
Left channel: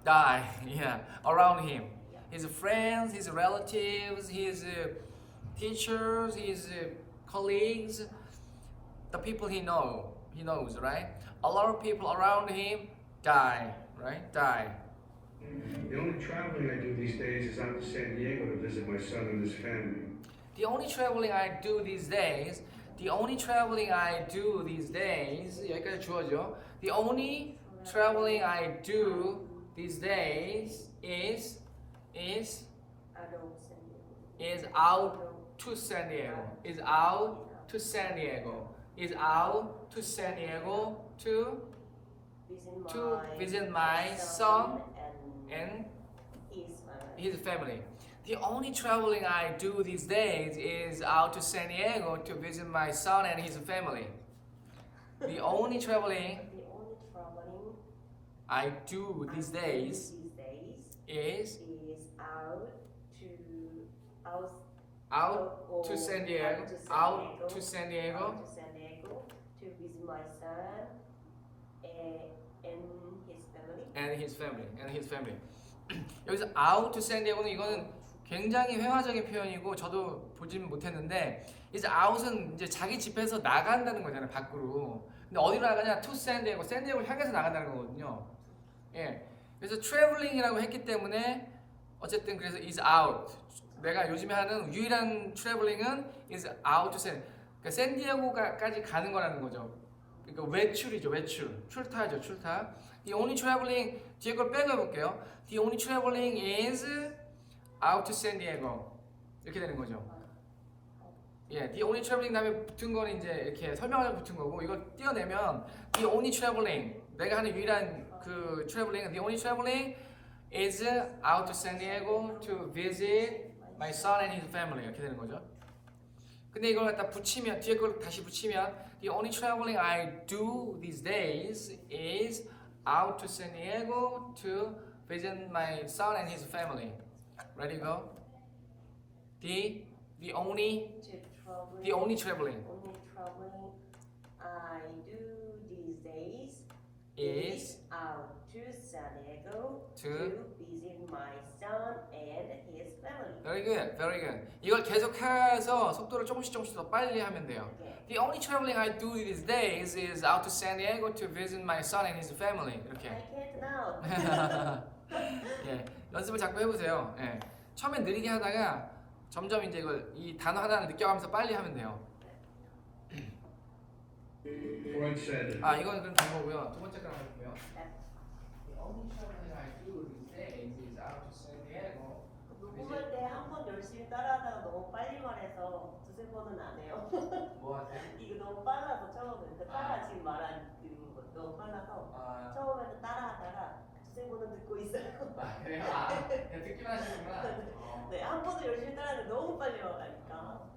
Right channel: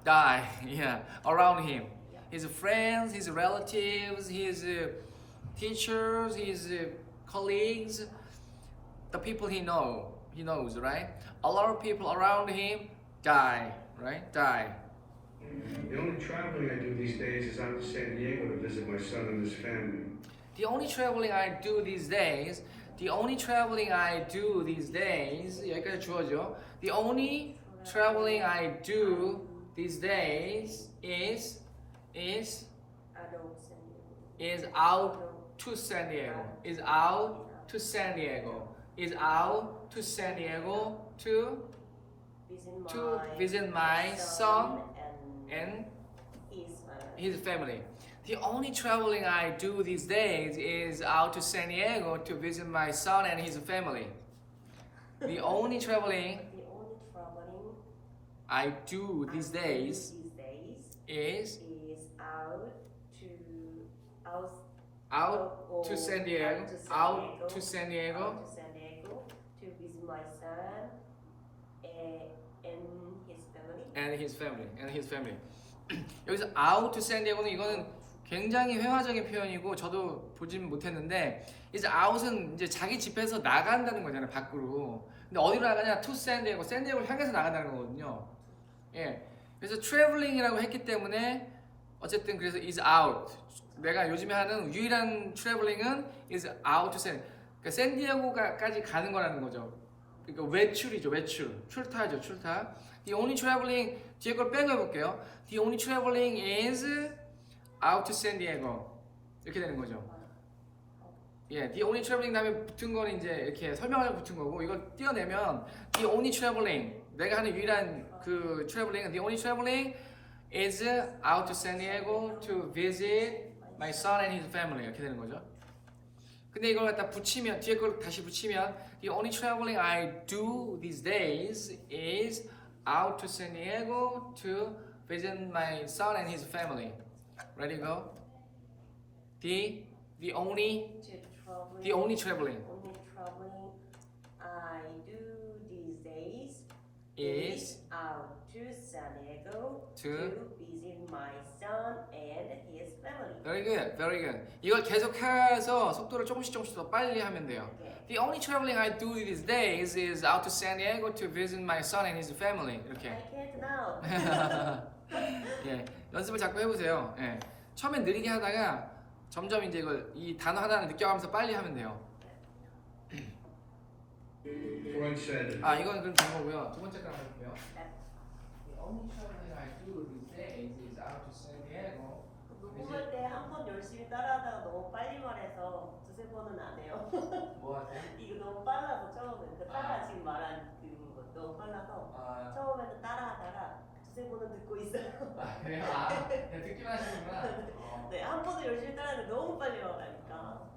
die, yeah, around him. His friends, his relatives, his teachers, his colleagues, the people he knows, right? A lot of people around him die, right? Die. The only traveling I do these days is out to San Diego to visit my son and his family. The only traveling I do these days, 여기까지 주어져. The only traveling I do these days is out to San Diego. Is out to San Diego to visit my son and his family. The only traveling I do these days is out to San Diego to visit my son and his family. The only traveling I do these days is out to San Diego to visit my son and his family. 여기서 out to San Diego는 이거는 굉장히 회화적인 표현이고 저도 보진 못했는데 이제 out은 이제 자기 집에서 나간다는 거잖아요, 밖으로. 근데 어디로 나가냐? to San Diego, San Diego를 향해서 나간다는 거거든요. 예. 그래서 traveling이라고 했기 때문에 어쨌든 그래서 is out. 내가 요즘에 하는 유일한 traveling은 is out to San. 그러니까 샌디에고까지 가는 거라는 거죠. 그러니까 외출이죠, 출타죠. The only traveling 뒤에 걸 빼놓을게요. The only traveling is out to San Diego. 이렇게 되는 거죠. 예, the only traveling 다음에 붙은 거는 이제 이렇게 설명을 붙은 거고 이거 띄어내면 the only traveling 내가 하는 유일한 그 traveling, the only traveling is out to San Diego to visit my son and his family 이렇게 되는 거죠. 근데 이걸 갖다 붙이면 뒤에 걸 다시 붙이면 the only traveling I do these days is out to San Diego to visit my son and his family. Ready go? The only traveling is out to San Diego to visit my son and his family. very good, very good. 이걸 계속해서 속도를 조금씩 더 빨리 하면 돼요. The only traveling I do these days is out to San Diego to visit my son and his family. I 이렇게. can't now. 네, 연습을 자꾸 해보세요. 네. 처음엔 느리게 하다가 점점 이제 이걸 이 단어 하나를 느껴가면서 빨리 하면 돼요. Freud said, 아 이거는 그럼 된 거고요. 두 번째 거 할게요. The only traveling I do these days is out to San Diego. 공부할 때 한 번 열심히 따라하다가 너무 빨리 말해서 두세 번은 안 해요. 뭐 이거 너무 빨라서 처음에 지금 말한 너무 빨라서 아, 처음에는 따라하다가 두세 번은 듣고 있어요. 그래? 아, 듣기만 하시는구나. 네, 한 번도 열심히 따라하는데 너무 빨리 말하니까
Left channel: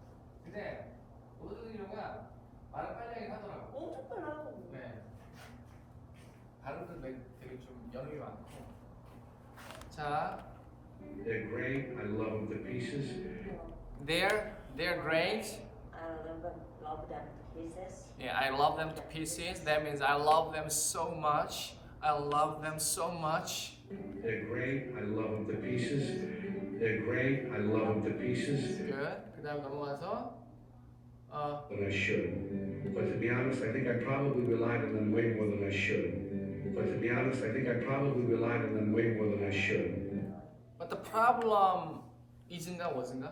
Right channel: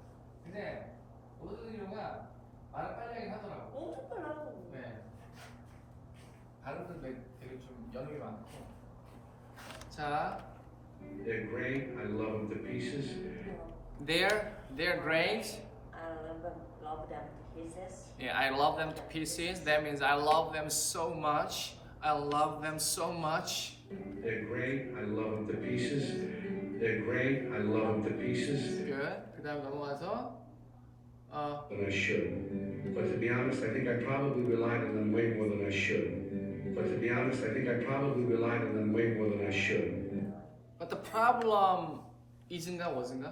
근데 모든 이유가 말을 빨리 하긴 하더라고. 엄청 빨라고. 네. 발음도 되게 좀 연음이 많고. 자, they're great, I love them to pieces. they're great. I love them to pieces. Yeah, I love them to pieces. That means I love them so much. I love them so much. They're great, I love them to pieces. They're great, I love them to pieces. Good. 그다음 넘어가서 But I should. But to be honest, I think I probably relied on them way more than I should. But to be honest, I think I probably relied on them way more than I should. but the problem isn't wasn't.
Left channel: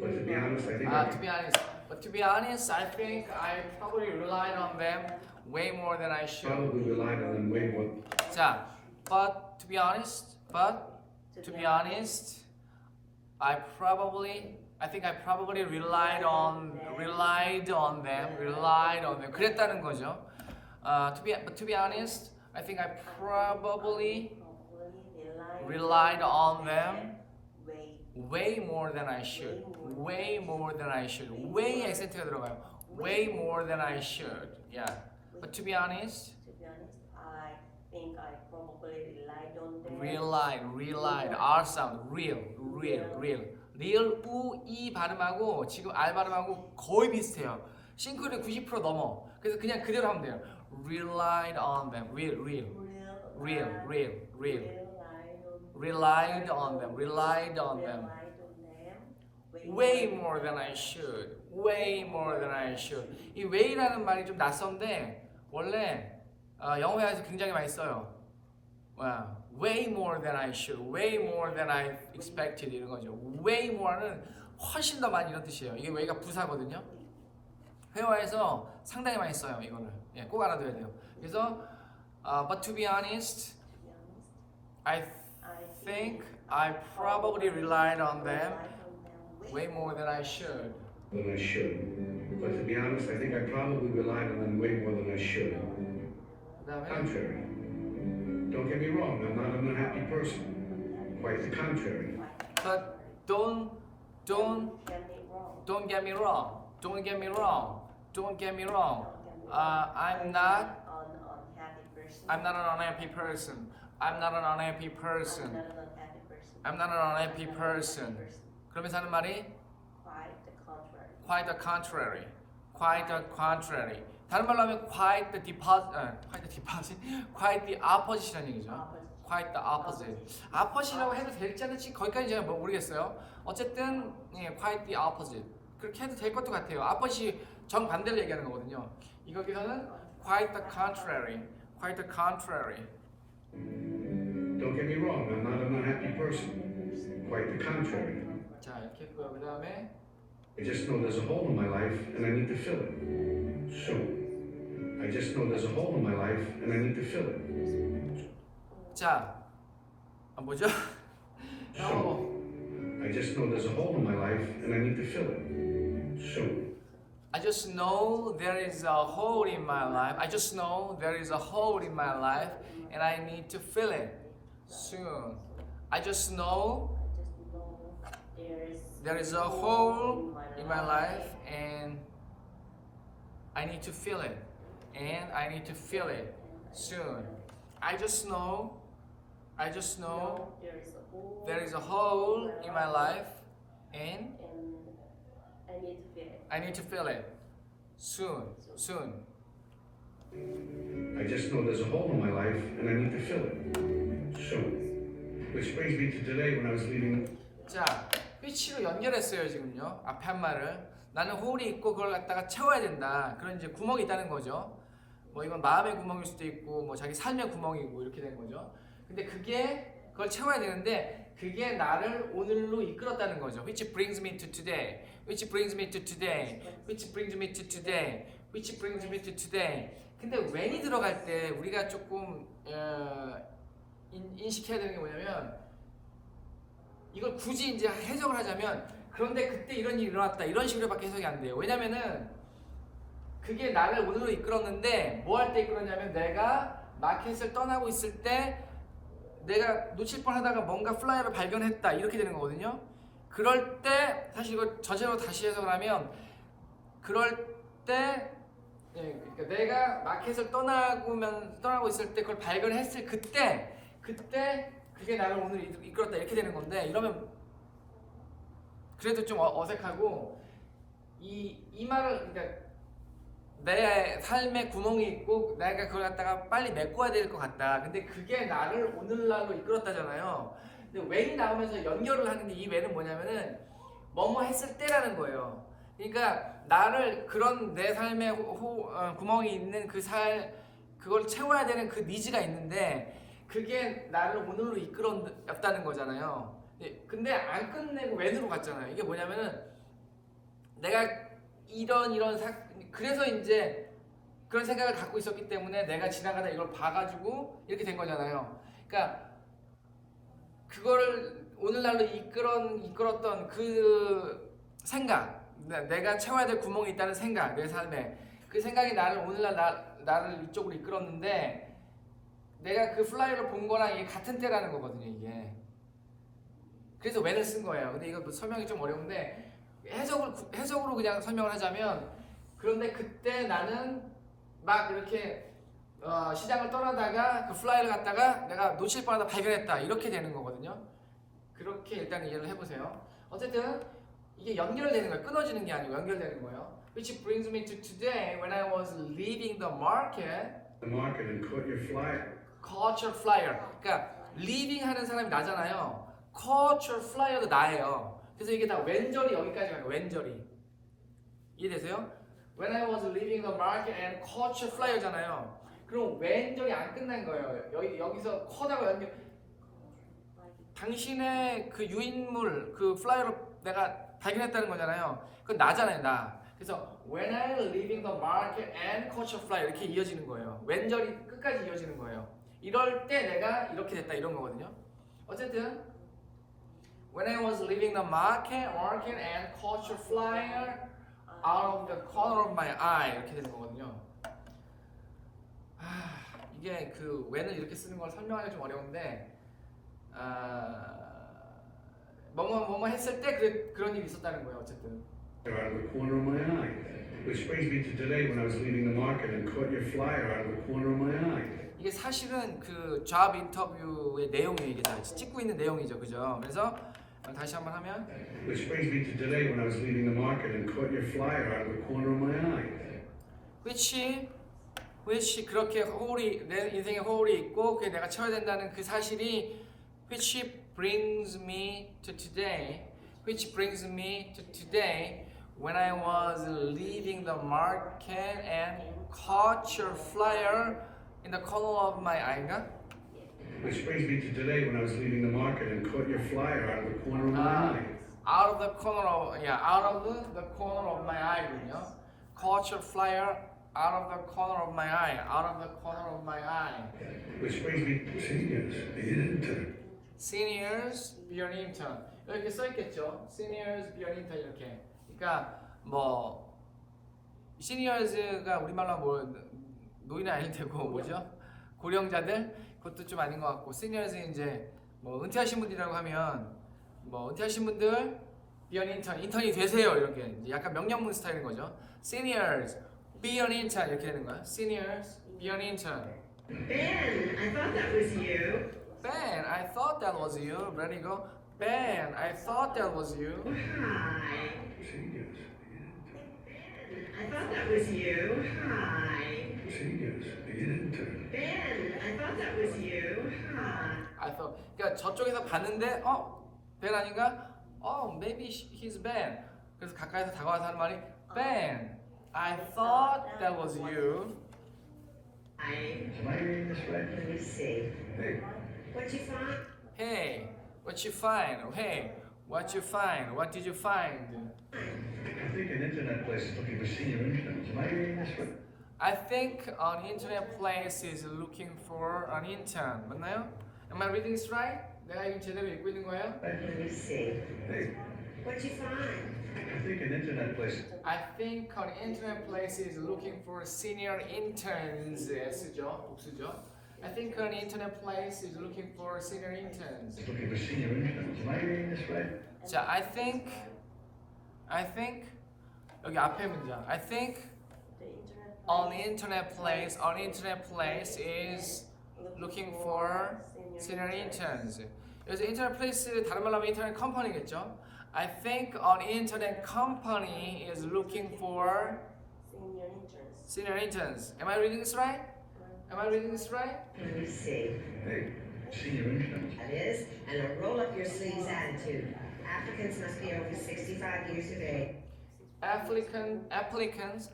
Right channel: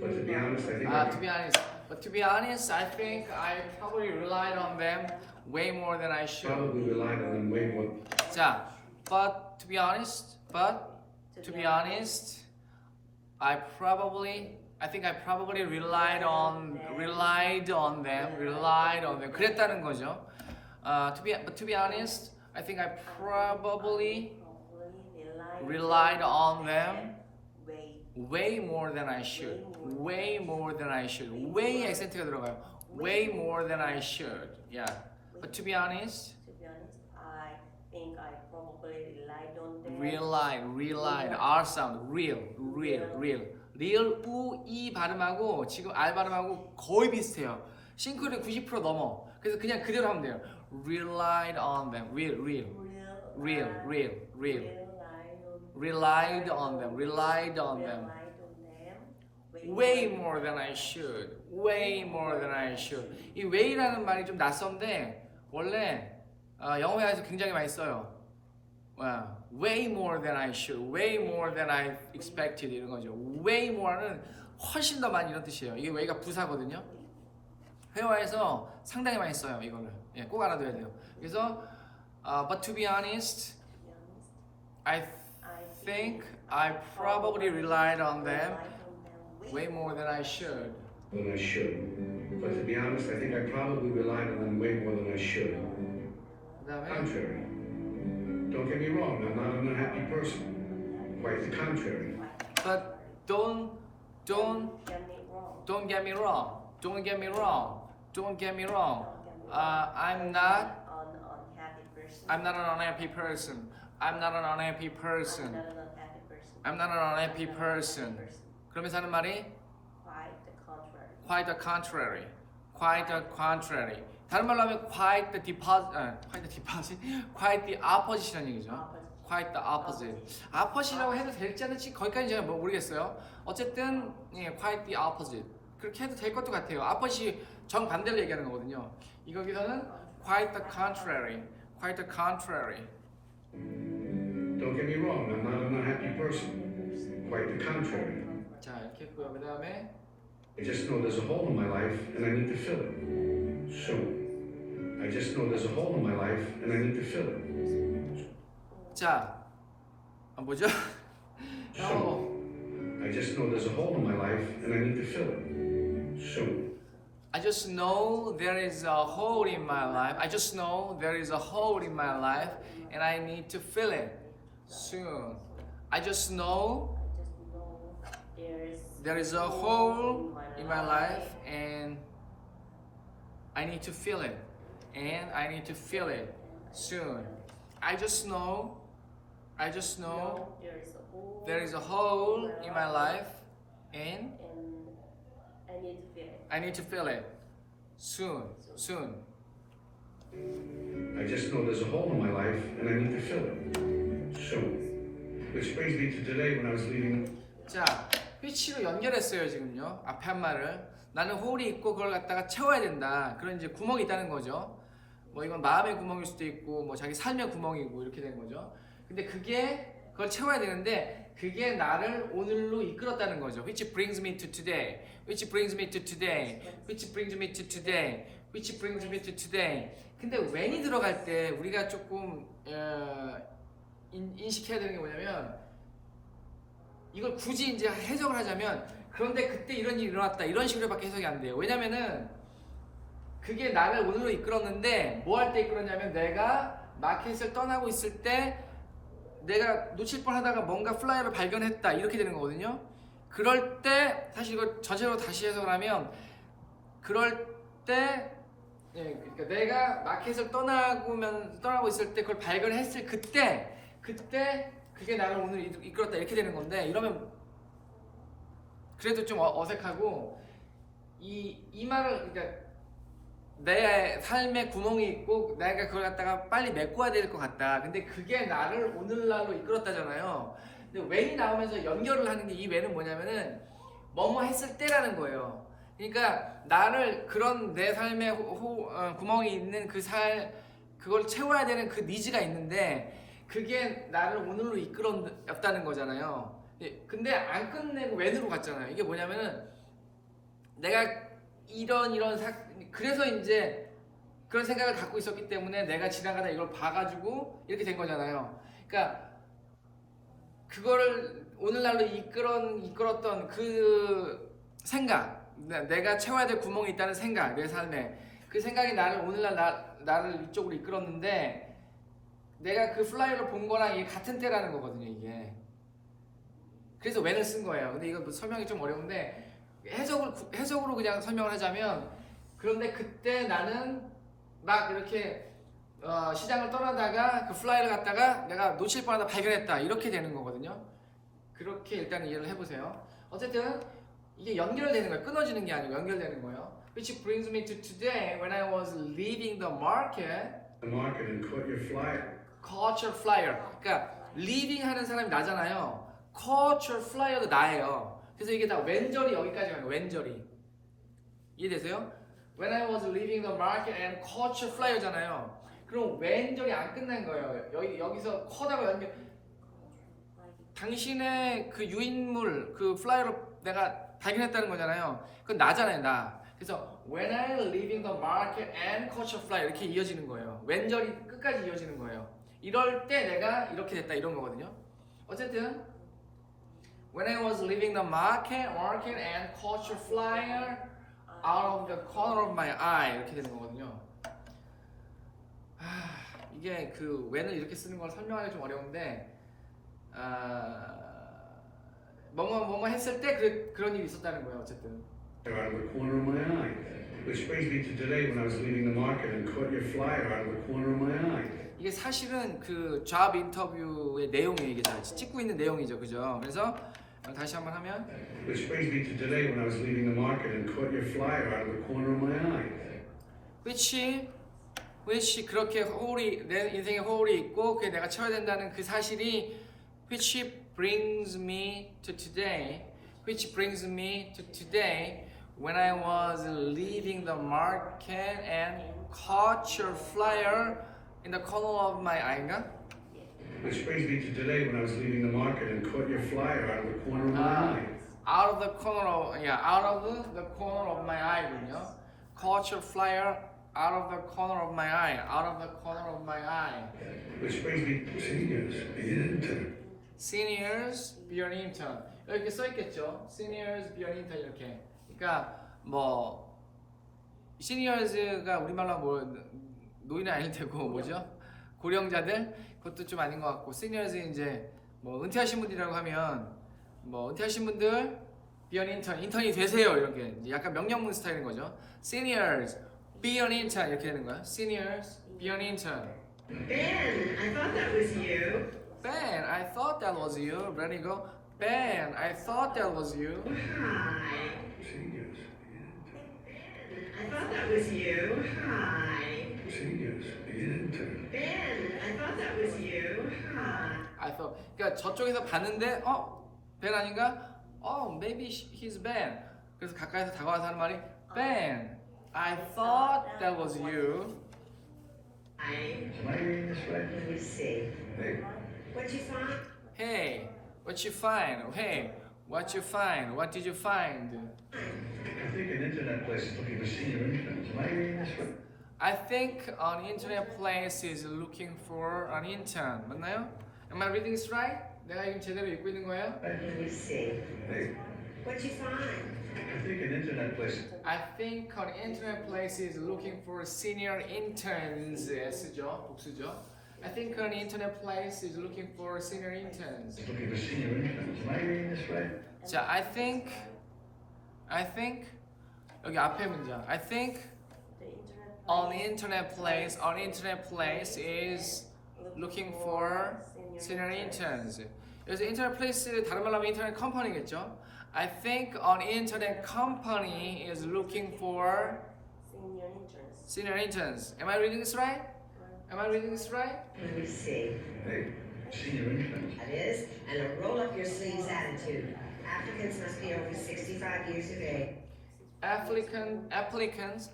But to be honest, I think To be honest, but to be honest, I think I probably relied on them way more than I should. probably relied on them way more. 자, but to be honest, I think I probably relied on them. 그랬다는 거죠. To be honest, I think I probably relied on them way more than I should. Way more than I should. way 액센트가 들어가요. Way more than I should. Yeah. But to be honest, I think I probably relied on them. relied, R sound, real. real, U, E 발음하고 지금 R 발음하고 거의 비슷해요. 싱크는 90% 넘어. 그래서 그냥 그대로 하면 돼요. Relied on them, real. Relied on them. Way more than I should. 이 way라는 말이 좀 낯선데 원래 영어에서 굉장히 많이 써요. Way more than I should, way more than I expected 이런 거죠. Way more는 훨씬 더 많이 이런 뜻이에요. 이게 way가 부사거든요. 회화에서 상당히 많이 써요. 이거는 꼭 알아둬야 돼요. 그래서 but to be honest, I think I probably relied on them way more than I should. Than I should. But to be honest, I think I probably relied on them way more than I should. 그다음에 Contrary. Don't get me wrong, I'm not an unhappy person. Quite the contrary. but don't get me wrong. I'm not an unhappy person. 그러면서 하는 말이 quite the contrary. 다른 말로 하면 quite the opposite이죠. quite the opposite이라고 해도 될지 않을지 거기까지 제가 모르겠어요. 어쨌든 quite the opposite 그렇게 해도 될 것도 같아요. opposite이 정반대를 얘기하는 거거든요. 여기서는 quite the contrary. Don't get me wrong, I'm not an unhappy person. Quite the contrary. 자 이렇게 했고요. 그 다음에 I just know there's a hole in my life and I need to fill it. Soon. I just know there's a hole in my life and I need to fill it. 자 뭐죠? Soon. I just know there's a hole in my life and I need to fill it. Soon. I just know there is a hole in my life. And I need to fill it soon. I just know there is a hole in my life and I need to fill it. Soon. I just know there is a hole in my life and I need to fill it soon. I just know there's a hole in my life and I need to fill it. So, this brings me to today when I was leaving. 자, which로 연결했어요 지금요. 앞에 한 말을 나는 홀이 있고 그걸 갖다가 채워야 된다. 그런 이제 구멍이 있다는 거죠. 뭐 이건 마음의 구멍일 수도 있고 뭐 자기 삶의 구멍이고 이렇게 된 거죠. 근데 그걸 채워야 되는데 그게 나를 오늘로 이끌었다는 거죠. Which brings me to today. Which brings me to today. Which brings me to today. Which brings me to today. 근데 when이 들어갈 때 우리가 조금 인식해야 되는 게 뭐냐면 이걸 굳이 이제 해석을 하자면 그런데 그때 이런 일이 일어났다 이런 식으로밖에 해석이 안 돼요. 왜냐면은 그게 나를 오늘로 이끌었는데 뭐 할 때 이끌었냐면 내가 마켓을 떠나고 있을 때 내가 놓칠 뻔하다가 뭔가 플라이어를 발견했다 이렇게 되는 거거든요. 그럴 때 사실 이걸 저제로 다시 해석을 하면 그럴 때 그러니까 내가 마켓을 떠나고 있을 때 그걸 발견했을 그때 그게 나를 오늘 이끌었다 이렇게 되는 건데 이러면 그래도 좀 어색하고 이 말을 그러니까 내 삶에 구멍이 있고 내가 그걸 갖다가 빨리 메꿔야 될 것 같다. 근데 그게 나를 오늘날로 이끌었다잖아요. 근데 when이 나오면서 연결을 하는데 이 when은 뭐냐면은 뭐뭐 했을 때라는 거예요. 그러니까 나를 그런 내 삶에 구멍이 있는 그걸 채워야 되는 그 니즈가 있는데 그게 나를 오늘로 이끌었다는 거잖아요. 근데 안 끝내고 when으로 갔잖아요. 이게 뭐냐면은 내가 그래서 이제 그런 생각을 갖고 있었기 때문에 내가 지나가다 이걸 봐가지고 이렇게 된 거잖아요. 그러니까 그거를 오늘날로 이끌었던 그 생각, 내가 채워야 될 구멍이 있다는 생각, 내 삶에 그 생각이 나를 오늘날 나를 이쪽으로 이끌었는데 내가 그 플라이어를 본 거랑 이게 같은 때라는 거거든요, 이게. 그래서 when을 쓴 거예요. 근데 이거 설명이 좀 어려운데 해석으로 그냥 설명을 하자면 그런데 그때 나는 막 이렇게 시장을 떠나다가 그 플라이를 갖다가 내가 놓칠 뻔하다 발견했다 이렇게 되는 거거든요. 그렇게 일단 이해를 해보세요. 어쨌든 이게 연결되는 거예요. 끊어지는 게 아니고 연결되는 거예요. Which brings me to today when I was leaving the market And caught your flyer. caught your flyer. 그러니까 leaving 하는 사람이 나잖아요. caught your flyer도 나예요. 그래서 이게 다 왼절이 여기까지 가요. 왼절이 이해되세요? When I was leaving the market and caught your flyer잖아요. 그럼 왼절이 안 끝난 거예요. 여기서 컷하고 연결. 당신의 그 유인물, 그 플라이어를 내가 발견했다는 거잖아요. 그건 나잖아요, 나. 그래서 when I was leaving the market and caught your flyer 이렇게 이어지는 거예요. 왼절이 끝까지 이어지는 거예요. 이럴 때 내가 이렇게 됐다 이런 거거든요. 어쨌든 when I was leaving the market and caught your flyer out of the corner of my eye 이렇게 되는 거거든요. 이게 그 when을 이렇게 쓰는 걸 설명하기 좀 어려운데 뭐뭐 했을 때 그런 일이 있었다는 거예요. 어쨌든. Out of the corner of my eye. This brings me to today when I was leaving the market and caught your flyer out of the corner of my eye. 이게 사실은 그 잡 인터뷰의 내용이에요. 이게 다 찍고 있는 내용이죠, 그죠? 그래서 다시 한번 하면 This brings me to today when I was leaving the market and caught your flyer out of the corner of my eye. which 그렇게 내 인생에 허울이 있고 그게 내가 채워야 된다는 그 사실이 which brings me to today when I was leaving the market and caught your flyer in the corner of my eye인가? This brings me to today when I was leaving the market and caught your flyer out of the corner of my eye. out of the corner of my eye군요. Caught your flyer out of the corner of my eye. This brings me to Seniors, be an intern. 이렇게 써 있겠죠. Seniors, be an intern 이렇게. 그러니까 뭐 Seniors가 우리말로 뭐 노인은 아닐 테고 뭐죠? 고령자들 그것도 좀 아닌 것 같고 Seniors 이제 뭐 은퇴하신 분들이라고 하면 뭐 은퇴하신 분들 be an intern, 인턴이 되세요 이렇게 이제 약간 명령문 스타일인 거죠. Seniors, be an intern 이렇게 되는 거야. Seniors, be an intern. Ben, I thought that was you. Ben, I thought that was you. Ready go. Ben, I thought that was you. I thought that was you. Hi. Seniors, the intern. Ben, I thought that was you. Hi. I thought 그러니까 저쪽에서 봤는데 벤 아닌가? Maybe he's Ben. 그래서 가까이서 다가와서 하는 말이 Ben, I thought that was you. Hi. Am I reading this right? Let me see. Hey, What'd you find? Hey, what you find? Hey, what you find? What did you find? I think an internet place is looking for senior interns. Am I reading this right? I think an internet place is looking for an intern. 맞나요? Am I reading this right? 내가 이거 제대로 읽고 있는 거예요? Let me see. Hey, What'd you find? I think an internet place. I think an internet place is looking for senior interns. S죠, 복수죠. I think an internet place is looking for senior interns. Looking for senior interns. Am I reading this right? 자, I think 여기 앞에 문장. I think The internet an internet place is looking for senior interns. 여기서 internet place 다른 말로 하면 internet company겠죠. I think an internet company is looking for senior interns. senior interns. Am I reading this right? Am I reading this right? Let me see. Hey, senior interns. That is, and a roll up your sleeves attitude. Applicants must be over 65 years of age. Applicants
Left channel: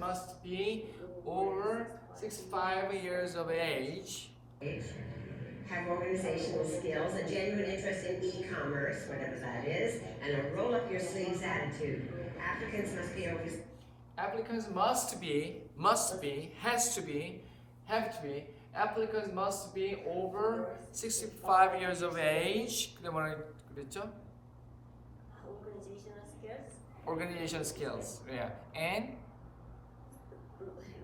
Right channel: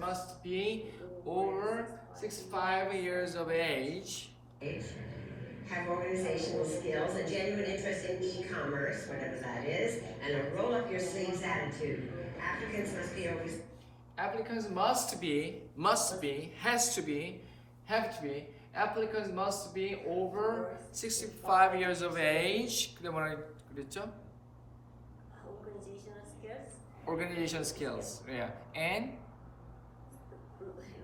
must be over 65 years of age. Have organizational skills, a genuine interest in e-commerce, whatever that is, and a roll up your sleeves attitude. Applicants must be over. Applicants have to be. Applicants must be over 65 years of age. 근데 뭐라 그랬죠? Organizational skills. Organization skills. Yeah. And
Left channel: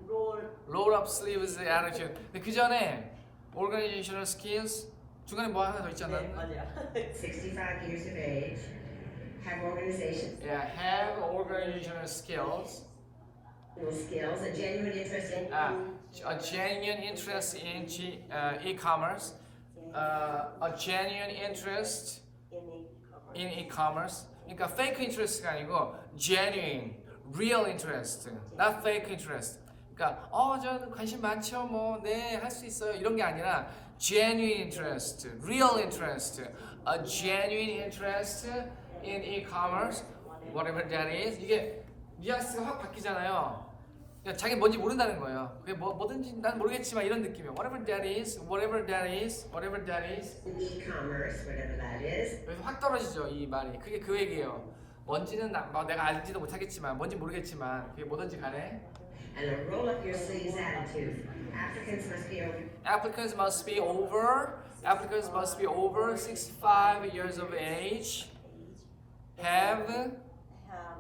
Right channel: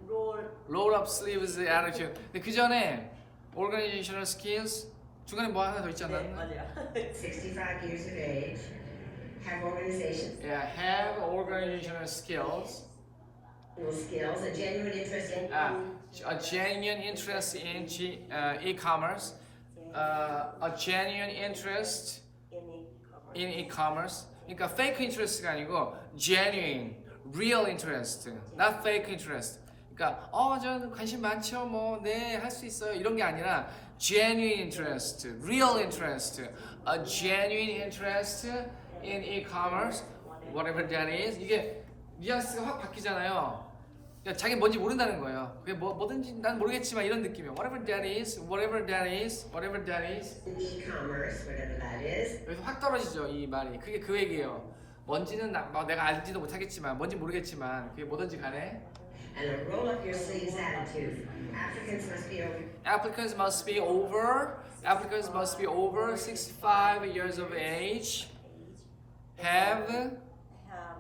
Role. roll up sleeves attitude. 근데 그 전에 organizational skills 중간에 뭐 하나 더 있잖아. 네, 맞아요. 65 years of age, have organizational Yeah, have organizational skills. skills, a genuine interest in A genuine interest in e-commerce. A genuine interest in in e-commerce. 그러니까 fake interest가 아니고 genuine, real interest, not fake interest. 그러니까 저는 관심 많죠, 할 수 있어요 이런 게 아니라 genuine interest, real interest, a genuine interest in e-commerce, whatever that is. 이게 뉘앙스가 확 바뀌잖아요. 그러니까 자기 뭔지 모른다는 거예요. 그게 뭐든지 난 모르겠지만 이런 느낌이에요. Whatever that is, whatever that is, whatever that is. e-commerce, whatever that is. 여기서 확 떨어지죠 이 말이. 그게 그 얘기예요. 뭔지는 내가 알지도 못하겠지만 뭔지 모르겠지만 그게 뭐든지 간에 And a roll up your sleeves attitude. applicants must be over 65 years of age, have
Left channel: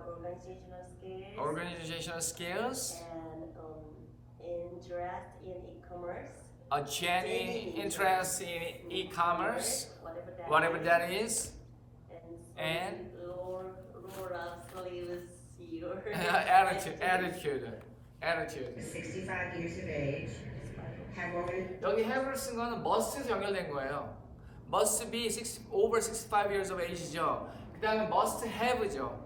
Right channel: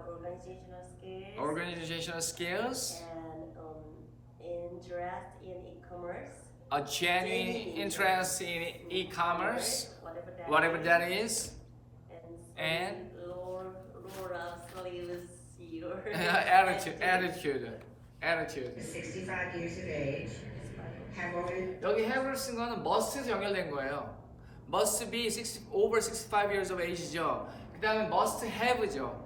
organizational skills organizational skills, and interest in e-commerce. a genuine interest in e-commerce, whatever that is, and roll up sleeves your attitude. 65 years of age. Have already. 여기 have를 쓴 거는 must에서 연결된 거예요. must be over 65 years of age이죠. 그 다음에 must have죠.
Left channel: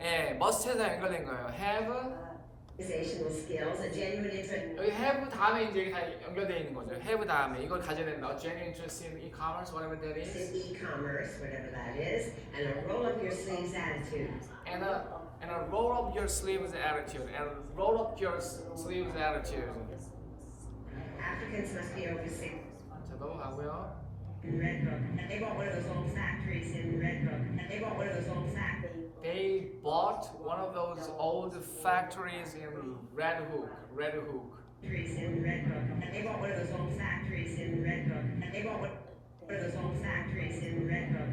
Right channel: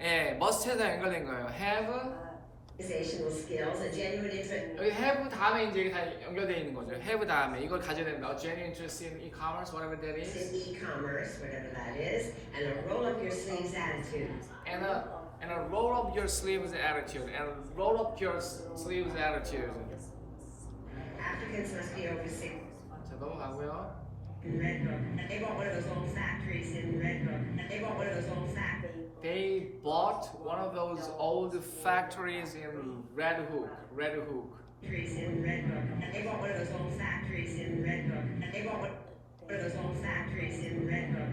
예, must에서 연결된 거예요. have, Organizational skills, a genuine interest. 여기 have 다음에 이제 이게 다 연결되어 있는 거죠. have 다음에 이걸 가져야 된다. genuine interest in e-commerce, whatever that In is, e-commerce, whatever that is, and a roll up your sleeves attitude. and a roll up your sleeves attitude, and roll up your sleeves attitude. Applicants must be over 6. 자, 넘어가고요. Red Hook. And they want one of those old factories in Red Hook. And they want one of those old factories. They bought one of those old factories in Red Hook. Factories in Red Hook. And they want one of those old factories in Red Hook. And they want one of those old factories in Red Hook.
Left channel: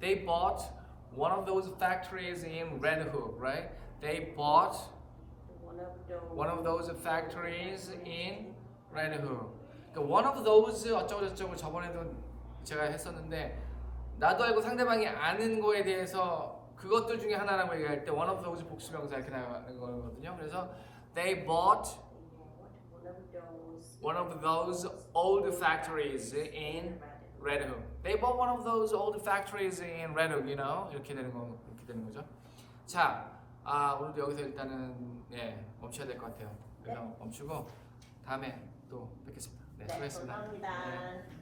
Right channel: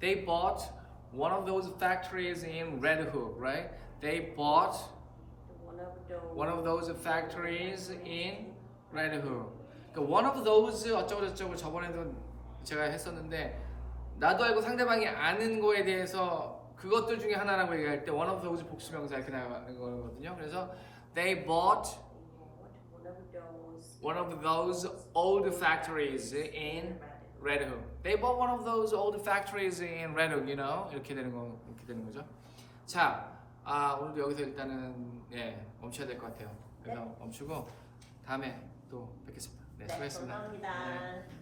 They bought one of those factories in Red Hook, right? They bought one of those factories in Red Hook. 그러니까 one of those 어쩌고저쩌고 저번에도 제가 했었는데 나도 알고 상대방이 아는 거에 대해서 그것들 중에 하나라고 얘기할 때 one of those 복수명사 이렇게 나오는 거거든요. 그래서 they bought one of those old factories in Red Hook. They bought one of those old factories in Red Hook, you know. 이렇게 되는 거죠. 자, 오늘도 여기서 일단은 멈춰야 될 것 같아요. 그래서 멈추고 다음에 또 뵙겠습니다. 네, 수고하셨습니다. 감사합니다.